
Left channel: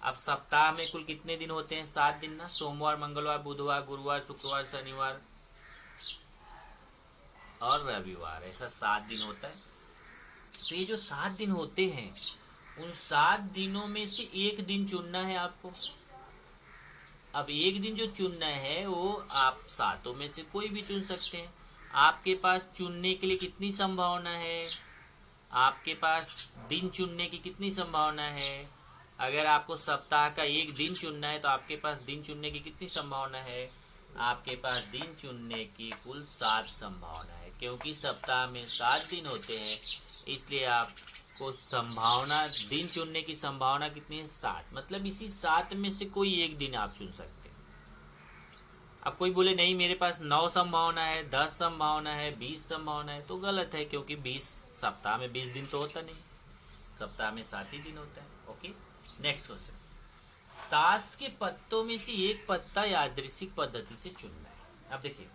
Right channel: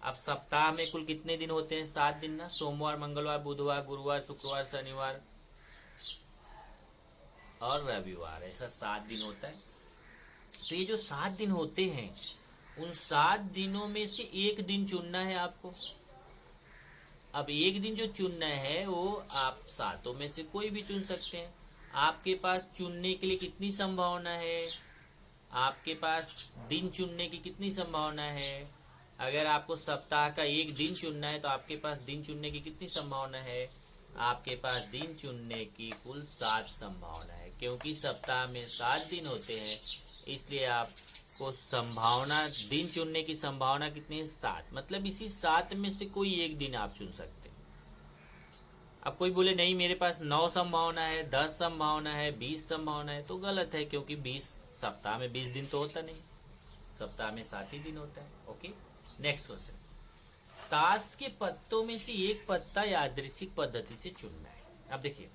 अब सप्ताह में कुल कितने दिन होते हैं? 7 दिन ना, सोमवार मंगलवार बुधवार गुरुवार शुक्रवार शनिवार और रविवार, ऐसा 7 दिन होता है। तो ये जो 7 दिन होते हैं, उन 7 दिनों में से एक दिन चुनना है आपको। अब एक दिन जो चुनना है वो आप 7 में से कोई भी चुन सकते हैं। आपके पास चुनने के लिए कितनी संभावना है? आपके पास दिन चुनने की कितनी संभावना है? अगर आपको सप्ताह का एक दिन चुनना है तो आपके पास दिन चुनने की कितनी संभावना है? आपके पास दिन चुनने की कुल 7 संभावना है। क्योंकि सप्ताह में 7 दिन होते हैं, इसलिए आपको संभावना, दिन चुनने की संभावना कितनी है? 7। मतलब इसी 7 में से कोई एक दिन आप चुन सकते हैं। अब कोई बोले नहीं मेरे पास 9 संभावना है, 10 संभावना है, 20 संभावना है, तो गलत है। क्योंकि 20 सप्ताह में 20 दिन तो होता नहीं, सप्ताह में 7 ही दिन होता है। ओके, नेक्स्ट क्वेश्चन, ताश के पत्तों में से एक पत्ता यादृच्छिक पद्धति से चुनना है। अब देखिए,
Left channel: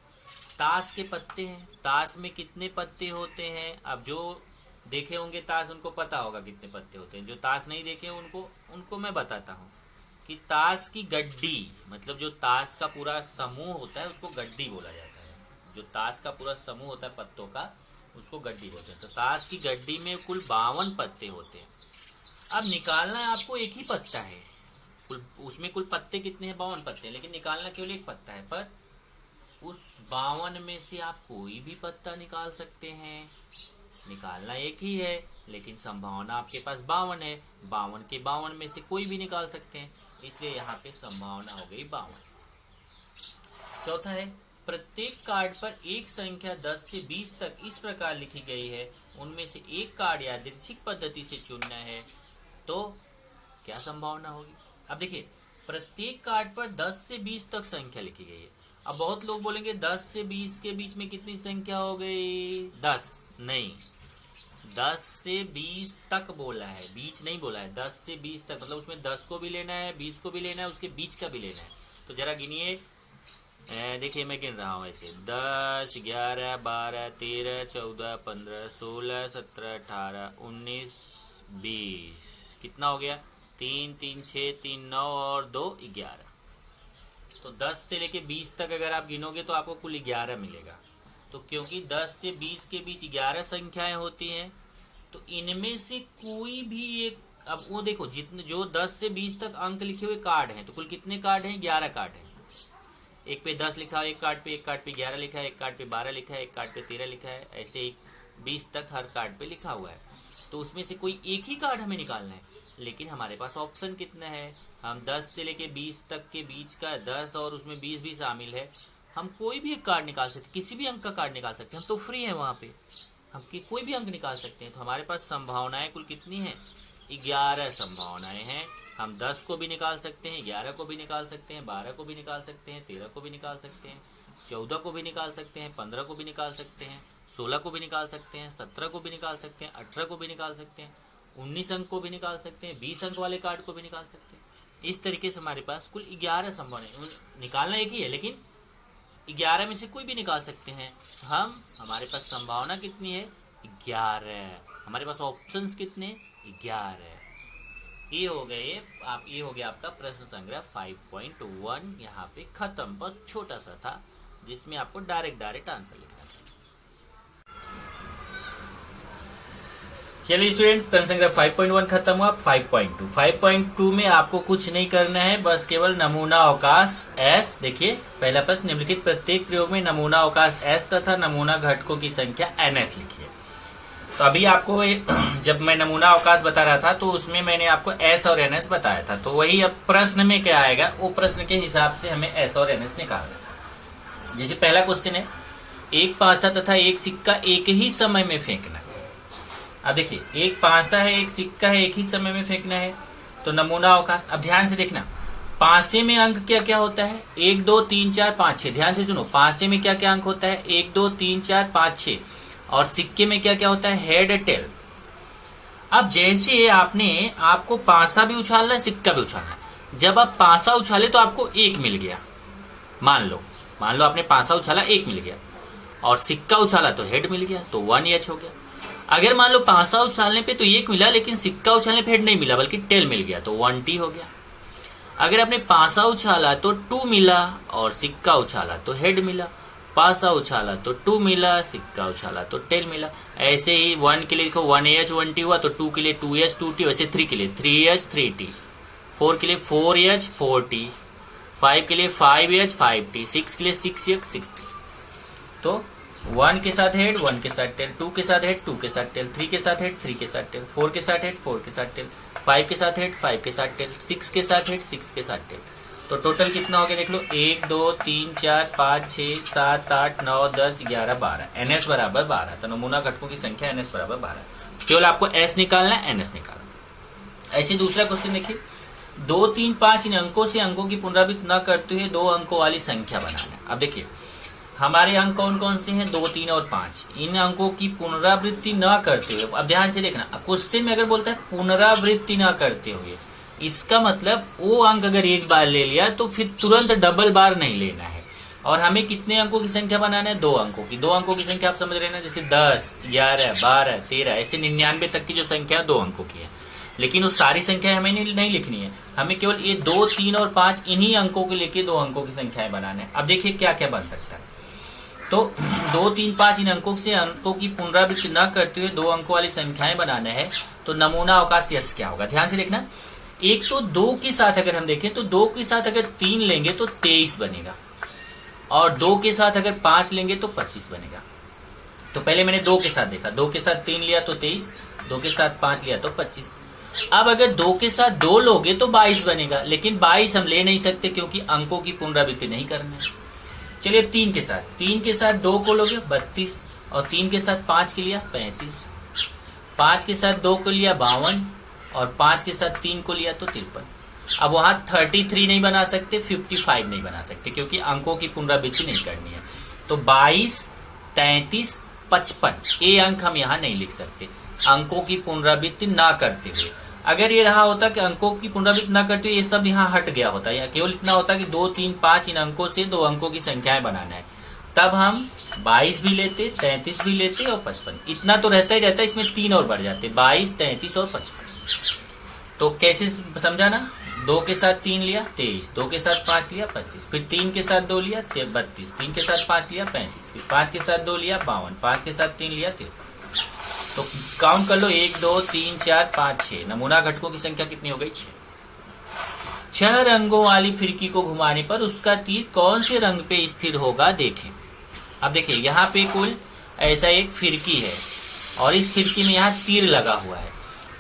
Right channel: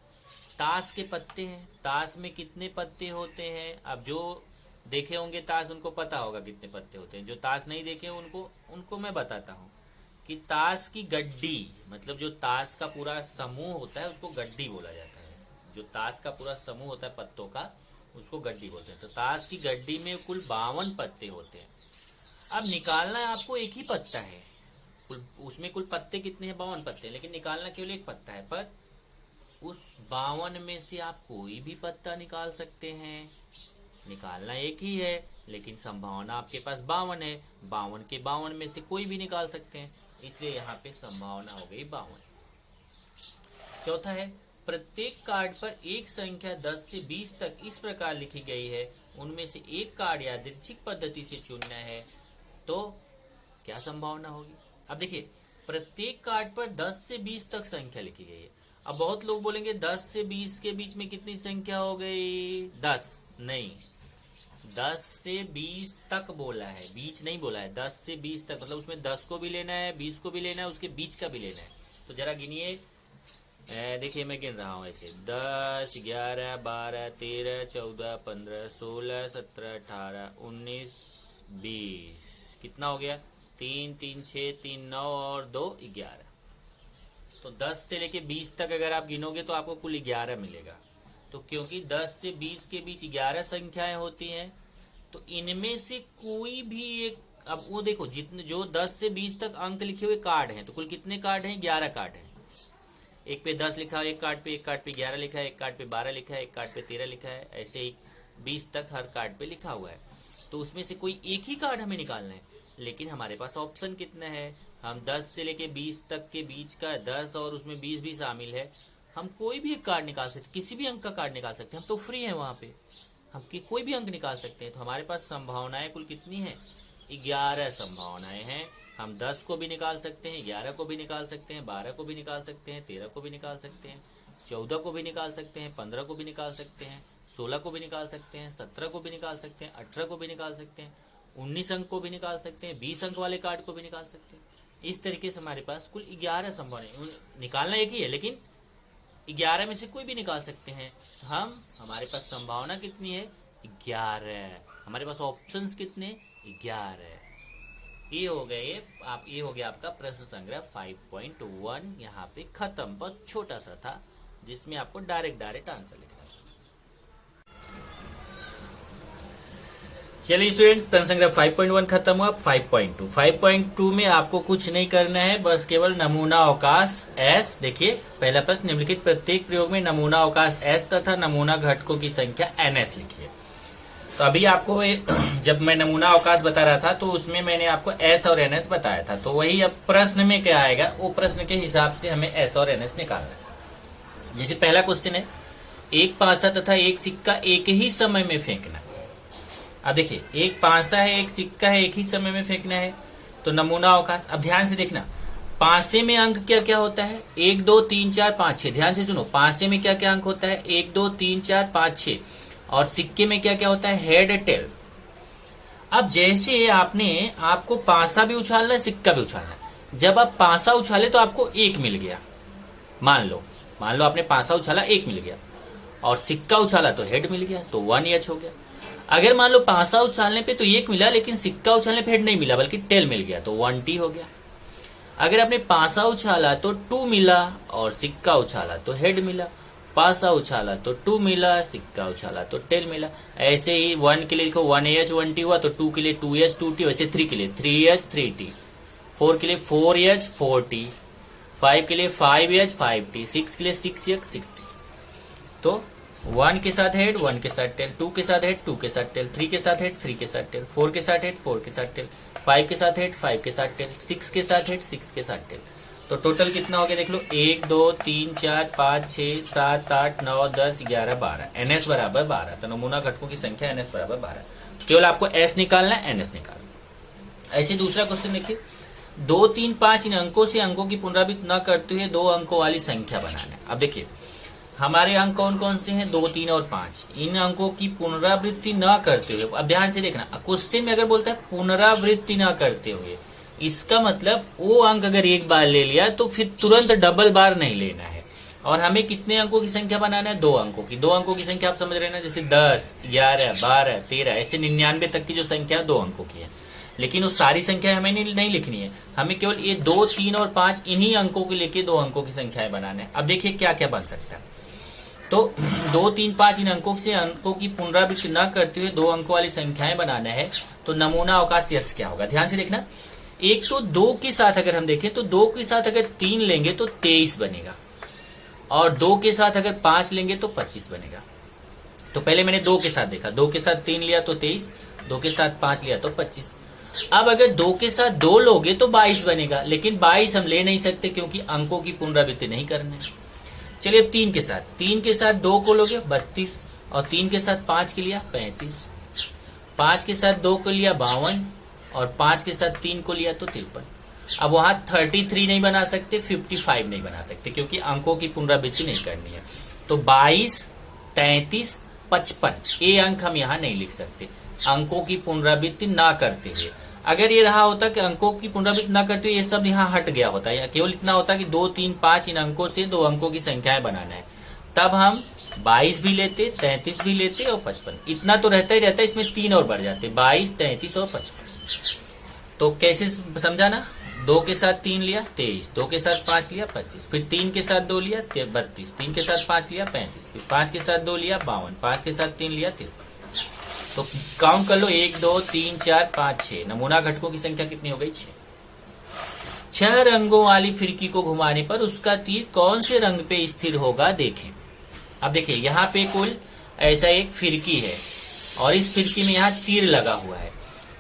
ताश के पत्ते हैं, ताश में कितने पत्ते होते हैं? अब जो देखे होंगे ताश, उनको पता होगा कितने पत्ते होते हैं। जो ताश नहीं देखे उनको मैं बताता हूँ कि ताश की गड्डी, मतलब जो ताश का पूरा समूह होता है उसको गड्डी बोला जाता है। जो ताश का पूरा समूह होता है पत्तों का, उसको गड्डी बोलते हैं। तो ताश की गड्डी में कुल 52 पत्ते होते हैं। अब निकालना है आपको एक ही पत्ता है, उसमें कुल पत्ते कितने हैं? 52 पत्ते, लेकिन निकालना केवल एक पत्ता है। पर उस 52 में से आप कोई भी पत्ता निकाल सकते हैं। निकालना एक ही है, लेकिन संभावना आपके पास 52 है। 52 के 52 में से कोई भी निकाल सकते हैं, इसलिए यहाँ पे संभावना हो गई 52। चौथा है, प्रत्येक कार्ड पर एक संख्या 10 से 20 तक इस प्रकार लिखी गई है, उनमें से एक कार्ड यादृच्छिक पद्धति से चुनना है, तो क्या संभावना होगी? अब देखिए, प्रत्येक कार्ड पर 10 से 20 तक संख्या लिखी गई है। अब बहुत लोग बोलेंगे 10 से 20 के बीच में कितनी संख्या हो गई? 10 नहीं, 10 से 20 तक बोला है, बीच नहीं बोला है। 10 से 20 तक मतलब उसमें 10 को भी लेना है, 20 को भी लेना है, उसके बीच का भी लेना है। तो जरा गिनिए, देखिए मैं गिन रहा हूँ ऐसे, 10 11 12 13 14 15 16 17 18 19 20, कितना हो गया? 3 3 6 3 9 और 2 11। तो 10 से लेके 20 तक अगर आप गिनोगे तो आपको कुल 11 मिलेगा। तो क्योंकि 10 से 20 के बीच 11 संख्याएं होती हैं, तो इनमें से कोई भी एक, अब वो देखो जितने जो 10 से 20 तक अंक लिखे हुए कार्ड हैं, तो कुल कितने कार्ड हैं? 11 कार्ड हैं। एक पे 10 लिखा है एक कार्ड पे, एक कार्ड पे 11 लिखा है, एक कार्ड पे 12 लिखा है, एक कार्ड पे 13 लिखा है, ऐसे ही 20 तक हर कार्ड पे लिखा हुआ है। तो उसमें से कोई एक ही कार्ड हमें निकालना है, लेकिन हमारे पास ऑप्शन कितना है? हम 10 से लेके 20 तक के बीच का 10 और उसमें 20 भी शामिल है, हम कोई भी एक कार्ड निकाल सकते, किसी भी अंक का कार्ड निकाल सकते हैं। हम तो फ्री हैं वहां पे, हम कोई भी अंक निकाल सकते हैं। तो हमारे पास संभावनाएं कुल कितनी है? 11 संभावनाएं हैं। हम 10 को भी निकाल सकते हैं, 11 को भी निकाल सकते हैं, 12 को भी निकाल सकते हैं, 13 को भी निकाल सकते हैं, 14 को भी निकाल सकते हैं, 15 को भी निकाल सकते हैं, 16 को भी निकाल सकते हैं, 17 को भी निकाल सकते हैं, 18 को भी निकाल सकते हैं, 19 अंक को भी निकाल सकते हैं, 20 अंक वाले कार्ड को भी निकाल सकते हैं। इस तरीके से हमारे पास कुल 11 संभावनाएं, निकालना एक ही है लेकिन 11 में से कोई भी निकाल सकते हैं। हमारे पास संभावना कितनी है? 11। हमारे पास ऑप्शंस कितने? 11। ये हो गया आपका प्रश्न संग्रह 5.1 यहाँ पे खत्म, पर छोटा सा था जिसमें आपको डायरेक्ट आंसर लिखना था। चलिए स्टूडेंट्स, प्रश्न संग्रह 5.1 खत्म हुआ। 5.2 में आपको कुछ नहीं करना है, बस केवल नमूना अवकाश S। देखिए पहला प्रश्न, निम्नलिखित प्रत्येक प्रयोग में नमूना अवकाश S तथा नमूना घटकों की संख्या NS लिखिए। तो अभी आपको जब मैं नमूना अवकाश बता रहा था तो उसमें मैंने आपको एस और एनएस बताया था, तो वही अब प्रश्न में क्या आएगा, वो प्रश्न के हिसाब से हमें एस और एनएस निकालना है। जैसे पहला क्वेश्चन है, एक पासा तथा एक सिक्का एक ही समय में फेंकना। अब देखिए, एक पासा है, एक सिक्का है, एक ही समय में फेंकना है, तो नमूना अवकाश। अब ध्यान से देखना, पासे में अंक क्या क्या होता है, 1 2 3 4 5 6। ध्यान से सुनो, पासे में क्या क्या अंक होता है, 1 2 3 4 5 6। और सिक्के में क्या क्या होता है, हेड टेल। अब जैसे आपको पासा भी उछालना है, सिक्का भी उछालना है। जब आप पासा उछाले तो आपको 1 मिल गया, मान लो आपने पासा उछाला 1 मिल गया, और सिक्का उछाला तो हेड मिल गया, तो 1H हो गया। अगर मान लो पासा उछालने पे तो 1 मिला, लेकिन सिक्का उछालने पे हेड नहीं मिला बल्कि टेल मिल गया, तो 1T हो गया। अगर आपने पासा उछाला तो 2 मिला और सिक्का उछाला तो हेड मिला, पासा उछाला तो 2 मिला, सिक्का उछाला तो टेल मिला। ऐसे ही 1 के लिए लिखो 1H 1T हुआ, तो 2 के लिए 2H 2T, वैसे 3 के लिए 3H 3T, 4 के लिए 4H 4T, 5 के लिए 5H 5T, 6 के लिए 6H 6T। तो 1 के साथ हेड, 1 के साथ टेल, 2 के साथ हेड, 2 के साथ टेल, 3 के साथ हेड, 3 के साथ टेल, 4 के साथ हेड, 4 के साथ टेल, 5 के साथ हेड, 5 के साथ टेल, 6 के साथ हेड, 6 के साथ टेल। तो टोटल कितना हो गया देख लो, 1 2 3 4 5 6 7 8 9 10 11 12। एनएस बराबर 12। तो नमूना घटकों की संख्या एनएस बराबर 12। केवल आपको एस निकालना है, एनएस निकालना। ऐसे दूसरा क्वेश्चन देखिए, 2 3 5 इन अंकों से अंकों की पुनरावृत्ति न करते हुए 2 अंकों वाली संख्या बनाना है। अब देखिए, हमारे अंक कौन कौन से हैं, 2 3 और 5। इन अंकों की पुनरावृत्ति न करते हुए, अब ध्यान से देखना, क्वेश्चन में अगर बोलता है पुनरावृत्ति न करते हुए, इसका मतलब वो अंक अगर एक बार ले लिया तो फिर तुरंत डबल बार नहीं लेना है। और हमें कितने अंकों की संख्या बनाना है, 2 अंकों की। 2 अंकों की संख्या आप समझ रहे हैं, जैसे 10 11 12 13 ऐसे 99 तक की जो संख्या 2 अंकों की है। लेकिन वो सारी संख्या हमें नहीं लिखनी है, हमें केवल ये 2 3 और 5 इन्हीं अंकों को लेके 2 अंकों की संख्याएं बनाना है। अब देखिए क्या क्या बन सकता है। तो 2 3 5 इन अंकों से अंकों की पुनरावृत्ति न करते हुए 2 अंकों वाली संख्याएं बनाना है। तो नमूना अवकाश यस क्या होगा, ध्यान से देखना। एक तो 2 के साथ अगर हम देखें तो 2 के साथ अगर 3 लेंगे तो 23 बनेगा, और 2 के साथ अगर 5 लेंगे तो 25 बनेगा। तो पहले मैंने 2 के साथ देखा, 2 के साथ 3 लिया तो 23, 2 के साथ 5 लिया तो 25। अब अगर 2 के साथ 2 लोगे तो 22 बनेगा, लेकिन 22 हम ले नहीं सकते क्योंकि अंकों की पुनरावृत्ति नहीं करना है। चलिए 3 के साथ 2 को लोगे 32, और 3 के साथ 5 के लिया 35, 5 के साथ 2 को लिया 52, और 5 के साथ 3 को लिया तो 53। अब वहां 33 नहीं बना सकते, 55 नहीं बना सकते क्योंकि अंकों की पुनरावृत्ति नहीं करनी है। तो 22 33 55 ये अंक हम यहाँ नहीं लिख सकते अंकों की पुनरावृत्ति ना करते हुए। अगर ये रहा होता कि अंकों की पुनरावृत्ति ना करते हुए ये सब यहाँ हट गया होता है, या केवल इतना होता कि 2 3 5 इन अंकों से 2 अंकों की संख्याएं बनाना है, तब हम 22 भी लेते, 33 भी लेते और 55। इतना तो रहता ही रहता है, इसमें 3 और बढ़ जाते, 22 33 और 55। तो कैसे समझा ना, 2 के साथ 3 लिया 23, 2 के साथ 5 लिया 25, फिर 3 के साथ 2 लिया 32, 3 के साथ 5 लिया 35, फिर 5 के साथ 2 लिया 52, 5 के साथ 3 लिया 53। तो काउंट कर लो, 1 2 3 4 5 6। नमूना घटकों की संख्या कितनी हो गई, 6। 6 रंगों वाली फिरकी को घुमाने पर उसका तीर कौन से रंग पे स्थिर होगा देखें। अब देखिए यहाँ पे कुल ऐसा एक फिरकी है, और इस फिरकी में यहाँ तीर लगा हुआ है,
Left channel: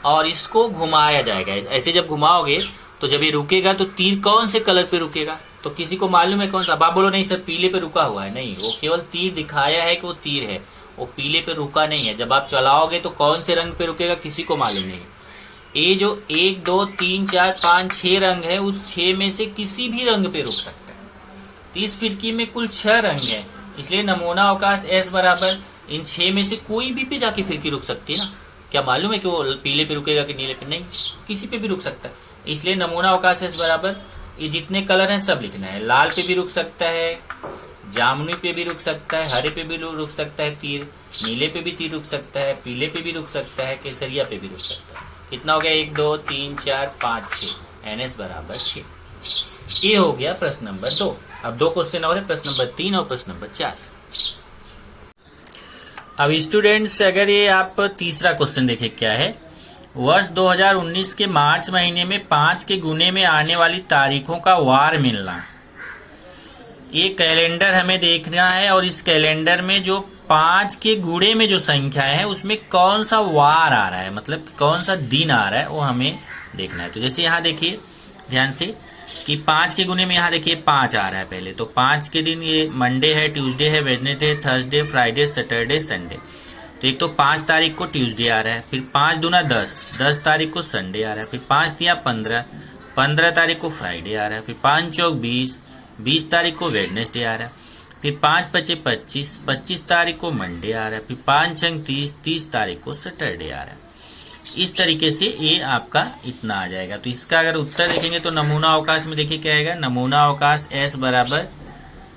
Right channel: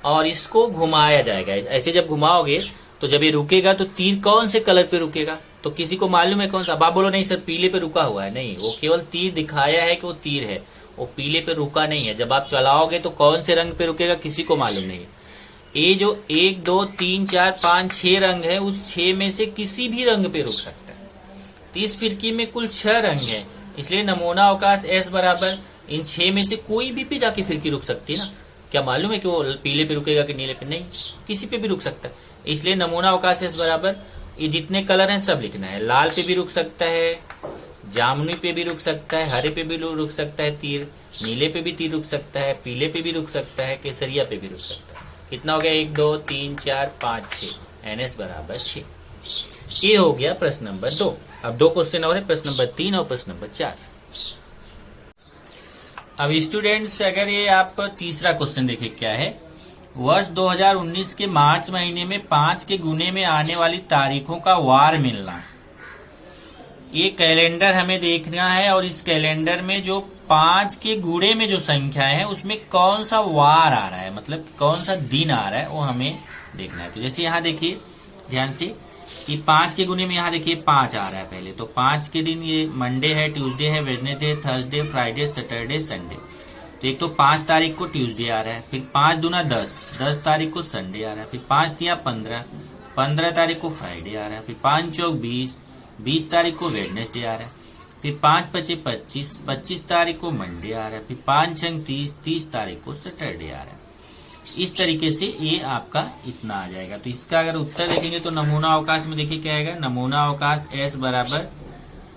और इसको घुमाया जाएगा। ऐसे जब घुमाओगे तो जब ये रुकेगा तो तीर कौन से कलर पे रुकेगा, तो किसी को मालूम है कौन सा? अब आप बोलो नहीं सर पीले पे रुका हुआ है, नहीं, वो केवल तीर दिखाया है कि वो तीर है, वो पीले पे रुका नहीं है। जब आप चलाओगे तो कौन से रंग पे रुकेगा किसी को मालूम नहीं। ये जो 1 2 3 4 5 6 रंग है, उस 6 में से किसी भी रंग पे रुक सकता है। तो इस फिरकी में कुल 6 रंग है, इसलिए नमूना अवकाश एस बराबर इन 6 में से कोई भी पे जाके फिरकी रुक सकती है ना। क्या मालूम है कि वो पीले पे रुकेगा कि नीले पे? नहीं, किसी पे भी रुक सकता है। इसलिए नमूना अवकाश एस बराबर ये जितने कलर हैं सब लिखना है। लाल पे भी रुक सकता है, जामुनी पे भी रुक सकता है, हरे पे भी रुक सकता है तीर, नीले पे भी तीर रुक सकता है, पीले पे भी रुक सकता है, केसरिया पे भी रुक सकता है। कितना हो गया? 1 2 3 4 5 6। एनएस बराबर 6। ये हो गया प्रश्न नंबर 2। अब 2 क्वेश्चन और है, प्रश्न नंबर 3 और प्रश्न नंबर 4। अब स्टूडेंट्स अगर ये आप तीसरा क्वेश्चन देखें क्या है, वर्ष 2019 के मार्च महीने में 5 के गुने में आने वाली तारीखों का वार मिलना। ये कैलेंडर हमें देखना है, और इस कैलेंडर में जो 5 के गुणे में जो संख्या है उसमें कौन सा वार आ रहा है, मतलब कौन सा दिन आ रहा है वो हमें देखना है। तो जैसे यहाँ देखिए ध्यान से कि 5 के गुणे में यहाँ देखिए 5 आ रहा है पहले, तो 5 के दिन ये मंडे है, ट्यूसडे है, वेडनेसडे है, थर्सडे, फ्राइडे, सैटरडे, संडे। तो एक तो 5 तारीख को ट्यूसडे आ रहा है, फिर 5 दूना 10, 10 तारीख को संडे आ रहा है, फिर 5 तिया 15, 15 तारीख को फ्राइडे आ रहा है, फिर 5 चौक 20, 20 तारीख को वेडनेसडे आ रहा है, फिर 5 पचे 25, 25 तारीख को मंडे आ रहा है, फिर 5 छंग 30, 30 तारीख को सैटरडे आ रहा है। इस तरीके से ये आपका इतना आ जाएगा। तो इसका अगर उत्तर देखेंगे तो नमूना अवकाश में देखिए क्या आएगा, नमूना अवकाश S बराबर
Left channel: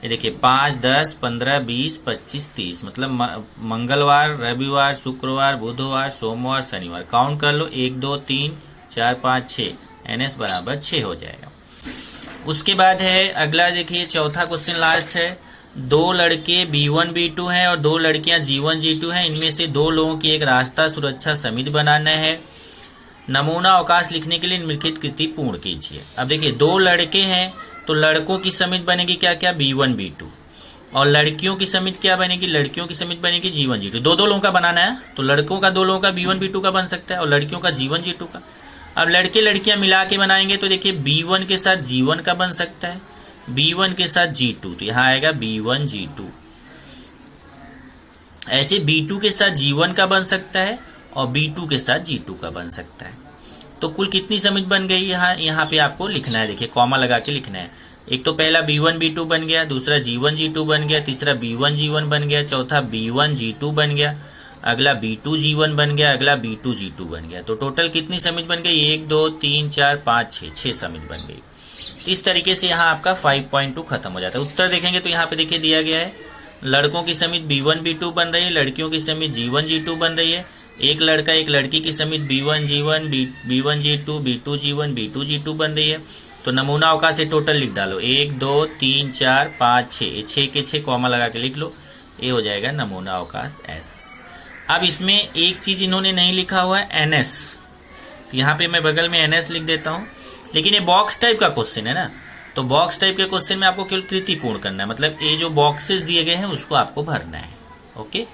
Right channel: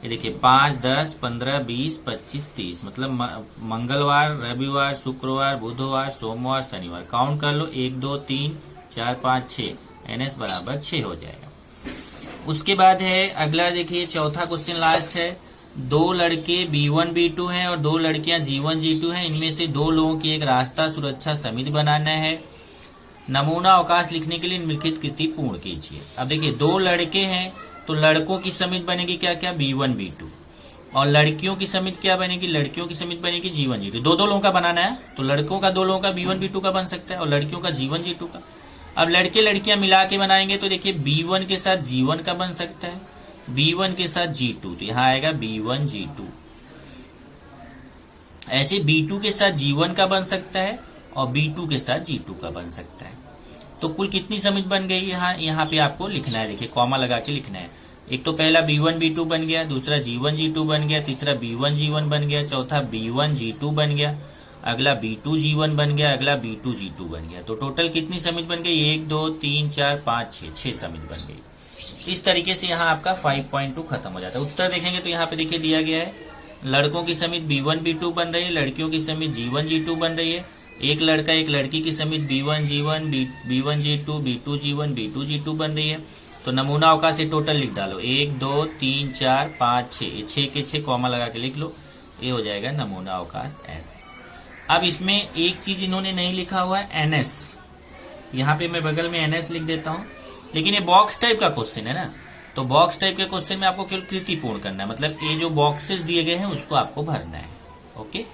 ये देखिए 5, 10, 15, 20, 25, 30, मतलब मंगलवार, रविवार, शुक्रवार, बुधवार, सोमवार, शनिवार। काउंट कर लो 1, 2, 3, 4, 5, 6, NS बराबर 6 हो जाएगा। उसके बाद है अगला देखिए चौथा क्वेश्चन लास्ट है। 2 लड़के B1 B2 हैं और 2 लड़कियां G1 G2 हैं। इनमें से 2 लोगों की एक रास्ता सुरक्षा समिति बनाना है। नमूना अवकाश लिखने के लिए निम्नलिखित कृति पूर्ण कीजिए। अब देखिए 2 लड़के हैं तो लड़कों की समिति बनेगी क्या क्या, B1 B2, और लड़कियों की समिति क्या बनेगी, लड़कियों की समिति बनेगी G1 G2। 2 लोगों का बनाना है तो लड़कों का 2 लोगों का B1 B2 का बन सकता है और लड़कियों का G1 G2 का। अब लड़के लड़कियां मिला के बनाएंगे तो देखिए B1 के साथ G1 का बन सकता है, B1 के साथ G2, तो यहाँ आएगा B1 G2। ऐसे B2 के साथ G1 का बन सकता है और B2 के साथ G2 का बन सकता है। तो कुल कितनी समिति बन गई यहाँ पे आपको लिखना है, देखिए कॉमा लगा के लिखना है। एक तो पहला B1 B2 बन गया, दूसरा G1 G2 बन गया, तीसरा B1 G1 बन गया, चौथा B1 G2 बन गया, अगला B2 G1 बन गया, अगला B2 G2 बन गया। तो टोटल कितनी समिति बन गई, 1, 2, 3, 4, 5, 6 समिति बन गई। इस तरीके से यहाँ आपका 5.2 खत्म हो जाता है। उत्तर देखेंगे तो यहाँ पे देखिए दिया गया है लड़कों की समिति B1 B2 बन रही है, लड़कियों की समिति G1 G2 बन रही है। एक लड़का एक लड़की की समिति B1 G1, B1 G2, B2 G1, B2 G2 बन रही है। तो नमूना अवकाश से टोटल लिख डालो 1, 2, 3, 4, 5, 6, 6 के 6 कॉमा लगा के लिख लो, ये हो जाएगा नमूना अवकाश S। अब इसमें एक चीज इन्होंने नहीं लिखा हुआ है NS, यहाँ पे मैं बगल में NS लिख देता हूँ, लेकिन ये बॉक्स टाइप का क्वेश्चन है ना, तो बॉक्स टाइप के क्वेश्चन में आपको केवल कृति पूर्ण करना है, मतलब ये जो बॉक्सेस दिए गए हैं उसको आपको भरना है। ओके।